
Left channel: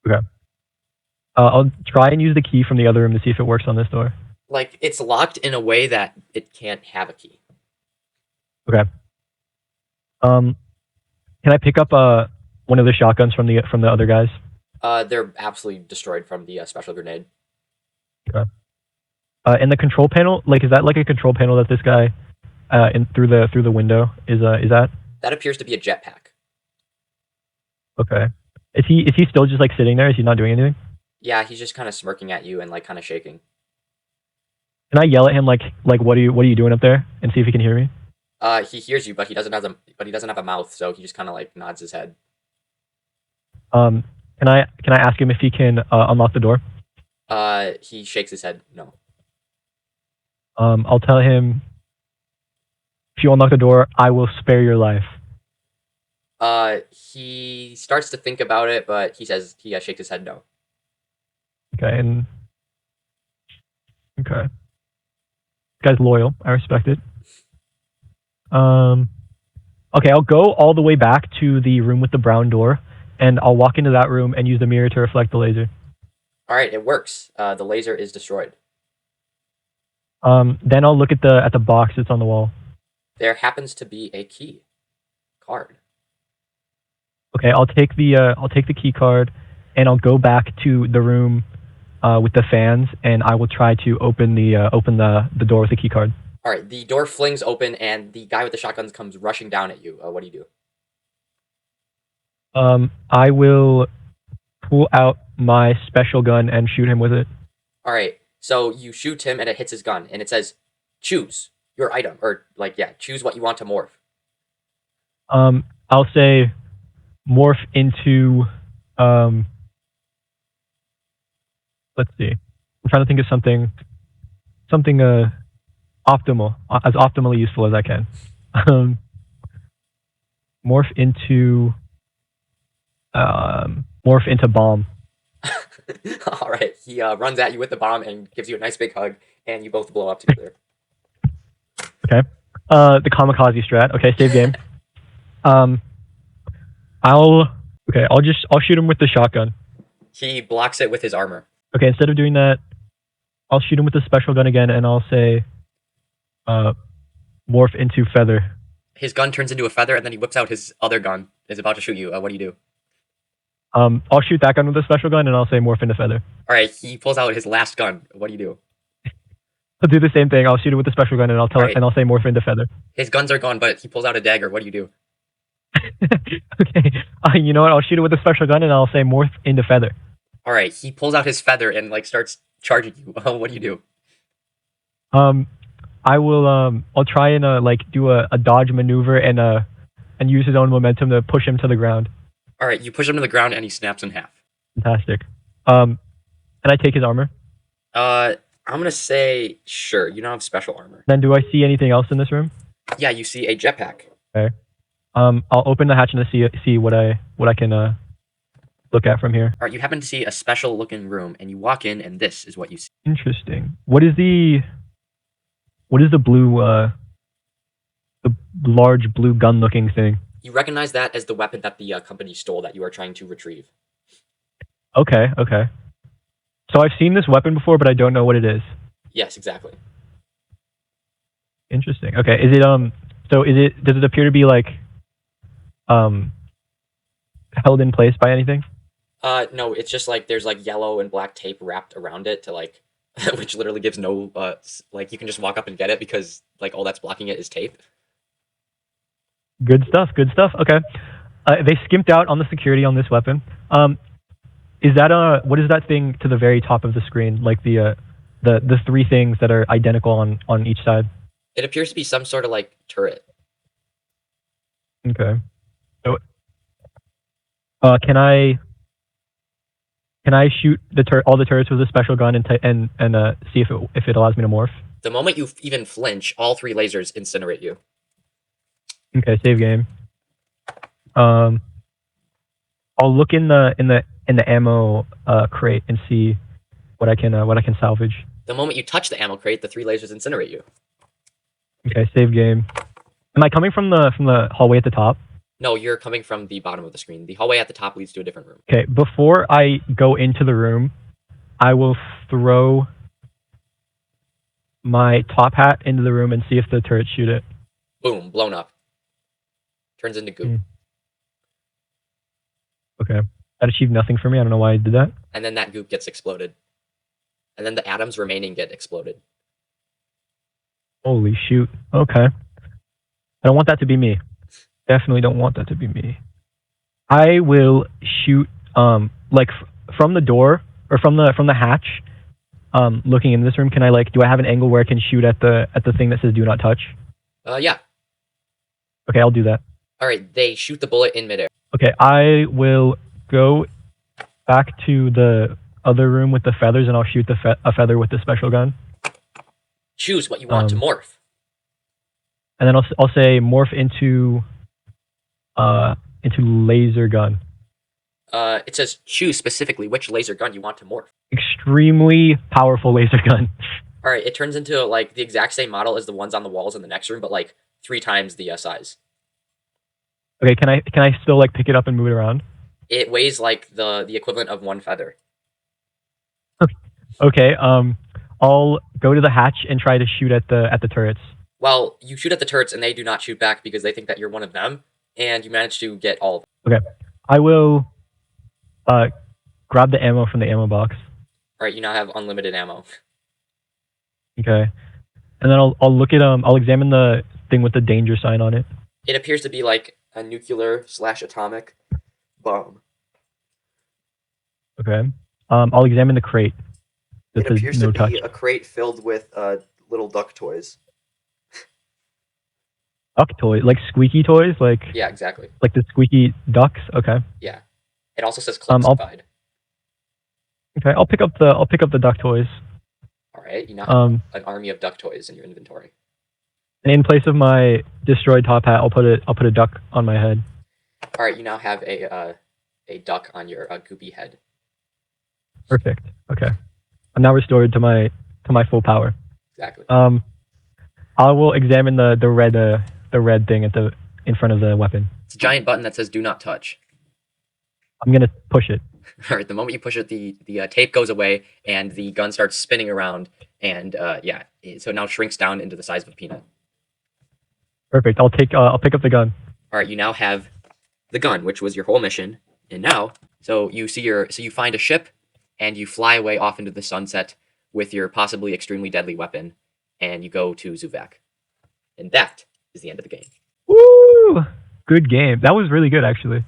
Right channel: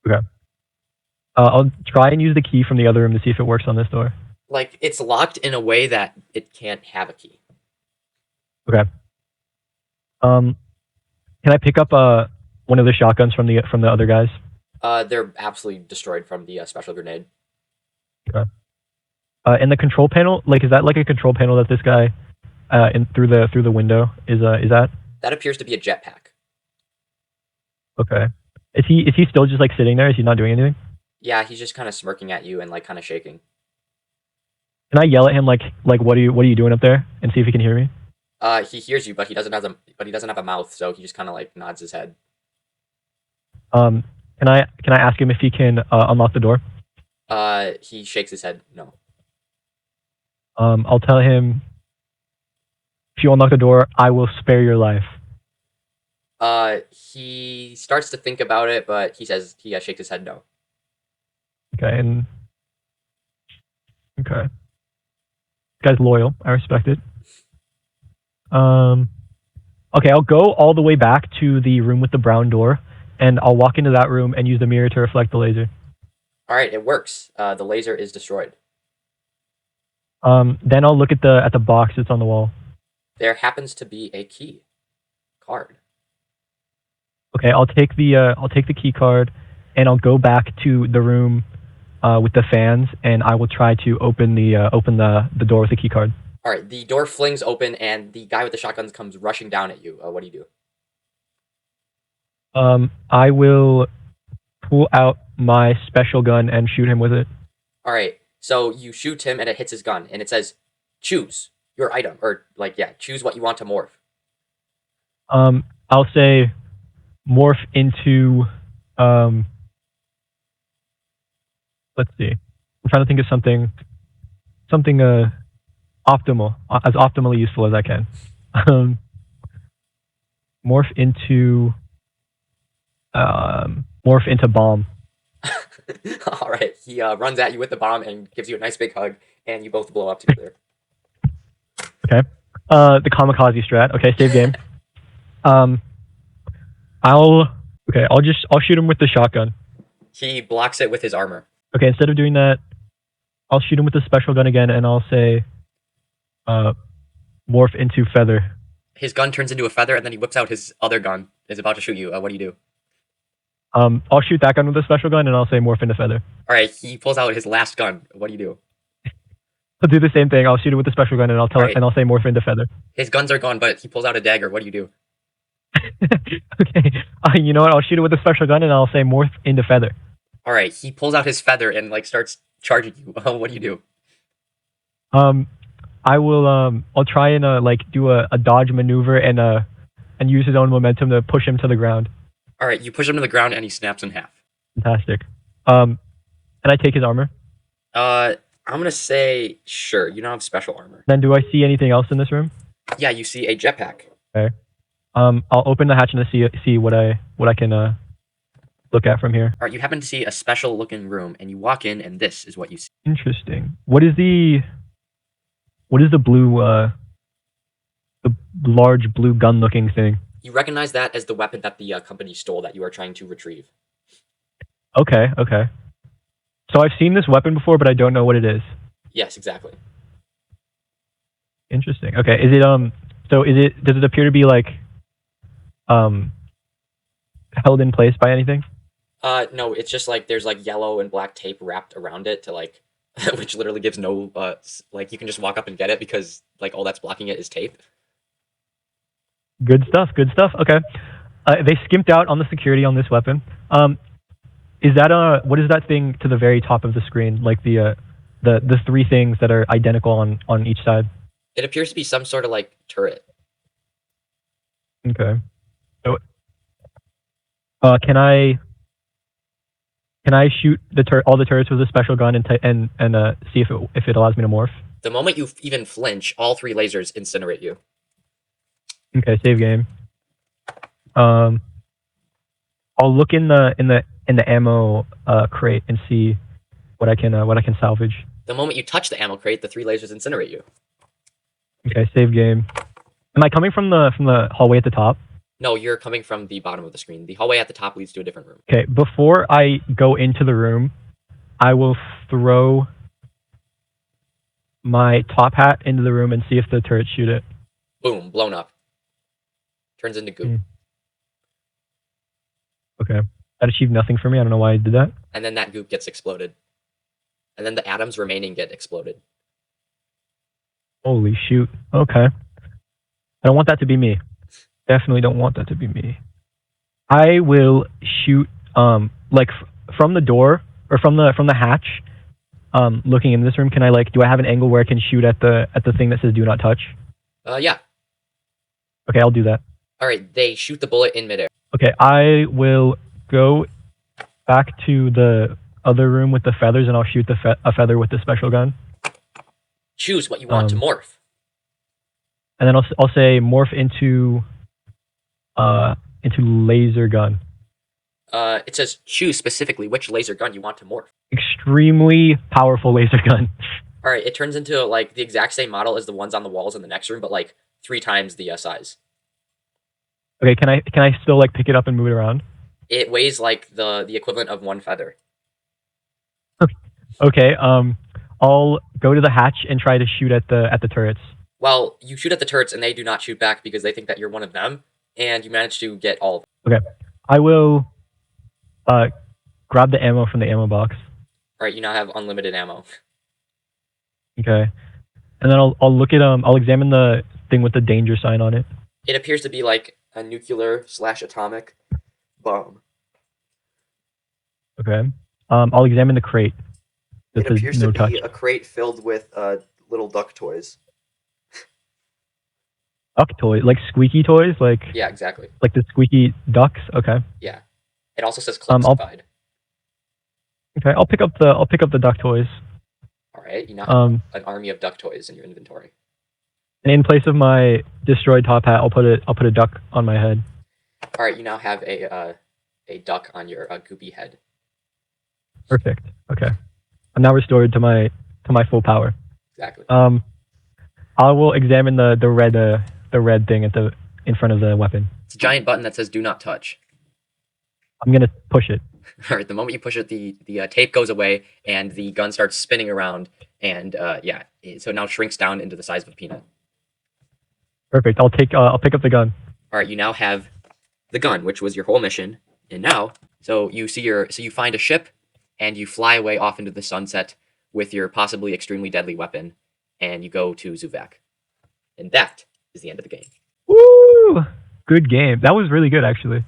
Okay. I'll try and use the key from the other room to see if it works on this door. Like, it's locked in a way that it can't have a key. Okay. Can I pick up one of the shotguns from the other guys? They're absolutely destroyed from the special grenade. Okay. And the control panel, like, is that like a control panel that this guy in through the window is that? That appears to be a jetpack. Okay. Is he still just like sitting there? Is he not doing anything? Yeah, he's just kind of smirking at you and like kind of shaking. Can I yell at him like what are you doing up there and see if he can hear me? He hears you, but he doesn't have a mouth, so he just kind of like nods his head. Can I ask him if he can unlock the door? He shakes his head. No. I'll tell him, if you unlock the door, I will spare your life. He starts to think about it, but he shakes his head no. Okay, and okay, this guy's loyal. I respect it. Okay, I'll go all the way back to the room with the brown door, and I'll walk into that room and use the mirror to reflect the laser. All right, it works. The laser is destroyed. Then I'll look at the box that's on the wall. There happens to be a key card. Okay, I'll take the key card, and I'll go back to the room with the fans, and I will try to open the door with the key card. All right, the door flings open, and the guy with the shotguns comes rushing down at you. What do you do? I will pull out my special gun and shoot him with it. All right, so you shoot him, and it hits his gun, and it says, "Choose your item," or choose what you want to morph. I'll say morph into let's see. I'm trying to think of something. something optimal, as optimally useful as I can. Morph into morph into bomb. All right. He runs at you with the bomb and gives you a nice big hug, and you both blow up together. Okay. The kamikaze strat. Okay, save game. I'll shoot him with the shotgun. He blocks it with his armor. Okay, instead of doing that, I'll shoot him with the special gun again, and I'll say, morph into feather. His gun turns into a feather, and then he whips out his other gun. Is about to shoot you. What do you do? I'll shoot that gun with the special gun, and I'll say morph into feather. All right. He pulls out his last gun. What do you do? I'll do the same thing. I'll shoot him with the special gun, and I'll Right. I'll say morph into feather. His guns are gone, but he pulls out a dagger. What do you do? Okay. You know what? I'll shoot him with the special gun, and I'll say morph into feather. All right. He pulls out his feather and like starts charging you. What do you do? I will. I'll try and do a dodge maneuver and use his own momentum to push him to the ground. All right. You push him to the ground, and he snaps in half. Fantastic. And I take his armor. I'm gonna say sure. You don't have special armor. Then do I see anything else in this room? Yeah, you see a jetpack. Okay. I'll open the hatch and see what I can look at from here. All right, you happen to see a special looking room, and you walk in, and this is what you see. Interesting. What is the blue the large blue gun looking thing? You recognize that as the weapon that the company stole that you are trying to retrieve. Okay. So I've seen this weapon before, but I don't know what it is. Yes, exactly. Interesting. Okay. Is it So does it appear to be held in place by anything? No, it's just like there's like yellow and black tape wrapped around it to like, which literally gives no like you can just walk up and get it because like all that's blocking it is tape. Good stuff. Okay. They skimped out on the security on this weapon. Is that what is that thing to the very top of the screen? Like the three things that are identical on each side. It appears to be some sort of like turret. Okay. Can I shoot all the turrets with a special gun and see if it allows me to morph? The moment you even flinch, all three lasers incinerate you. Okay, save game. I'll look in the ammo crate and see what I can salvage. The moment you touch the ammo crate, the three lasers incinerate you. Okay, save game. Am I coming from the hallway at the top? No, you're coming from the bottom of the screen. The hallway at the top leads to a different room. Okay, before I go into the room, I will throw my top hat into the room and see if the turrets shoot it. Boom, blown up. Turns into goo. Okay. That achieved nothing for me. I don't know why I did that. And then that goop gets exploded. And then the atoms remaining get exploded. Holy shoot. Okay. I don't want that to be me. Definitely don't want that to be me. I will shoot from the door or from the hatch. Looking in this room, can I do I have an angle where I can shoot at the thing that says "Do not touch"? Yeah. Okay, I'll do that. All right, they shoot the bullet in midair. Okay, I will go back to the other room with the feathers, and I'll shoot a feather with the special gun. Choose what you want to morph. And then I'll say morph into laser gun. It says choose specifically which laser gun you want to morph. Extremely powerful laser gun. All right, it turns into the exact same model as the ones on the walls in the next room, but 3 times the size. Okay, can I still pick it up and move it around? It weighs the equivalent of 1 feather. Okay, I'll go to the hatch and try to shoot at the turrets. Well, you shoot at the turrets and they do not shoot back because they think that you're one of them, and you manage to get all of them. Okay, I will grab the ammo from the ammo box. All right, you now have unlimited ammo. Okay, and then I'll look at I'll examine the thing with the danger sign on it. It appears to be a nuclear/atomic bomb. Okay, I'll examine the crate. It appears to be a crate filled with little duck toys. Duck toys, squeaky toys, Yeah, exactly. Like the squeaky ducks. Okay. Yeah. It also says classified. Okay, I'll pick up the duck toys. All right, you now have Um, an army of duck toys in your inventory. and in place of my destroyed top hat, I'll put a duck on my head. All right, you now have a duck on your goopy head. Perfect. Okay. I'm now restored to my full power. Exactly. I will examine the red thing at the in front of the weapon. It's a giant button that says "Do not touch." I'm gonna push it. All right, the moment you push it, the tape goes away, and the gun starts spinning around, and yeah, so it now shrinks down into the size of a peanut. Perfect. I'll pick up the gun. All right, you now have the gun, which was your whole mission, and now, so you find a ship, and you fly away off into the sunset with your possibly extremely deadly weapon, and you go to Zuvak, and that is the end of the game. Woo! Good game. That was really good, actually.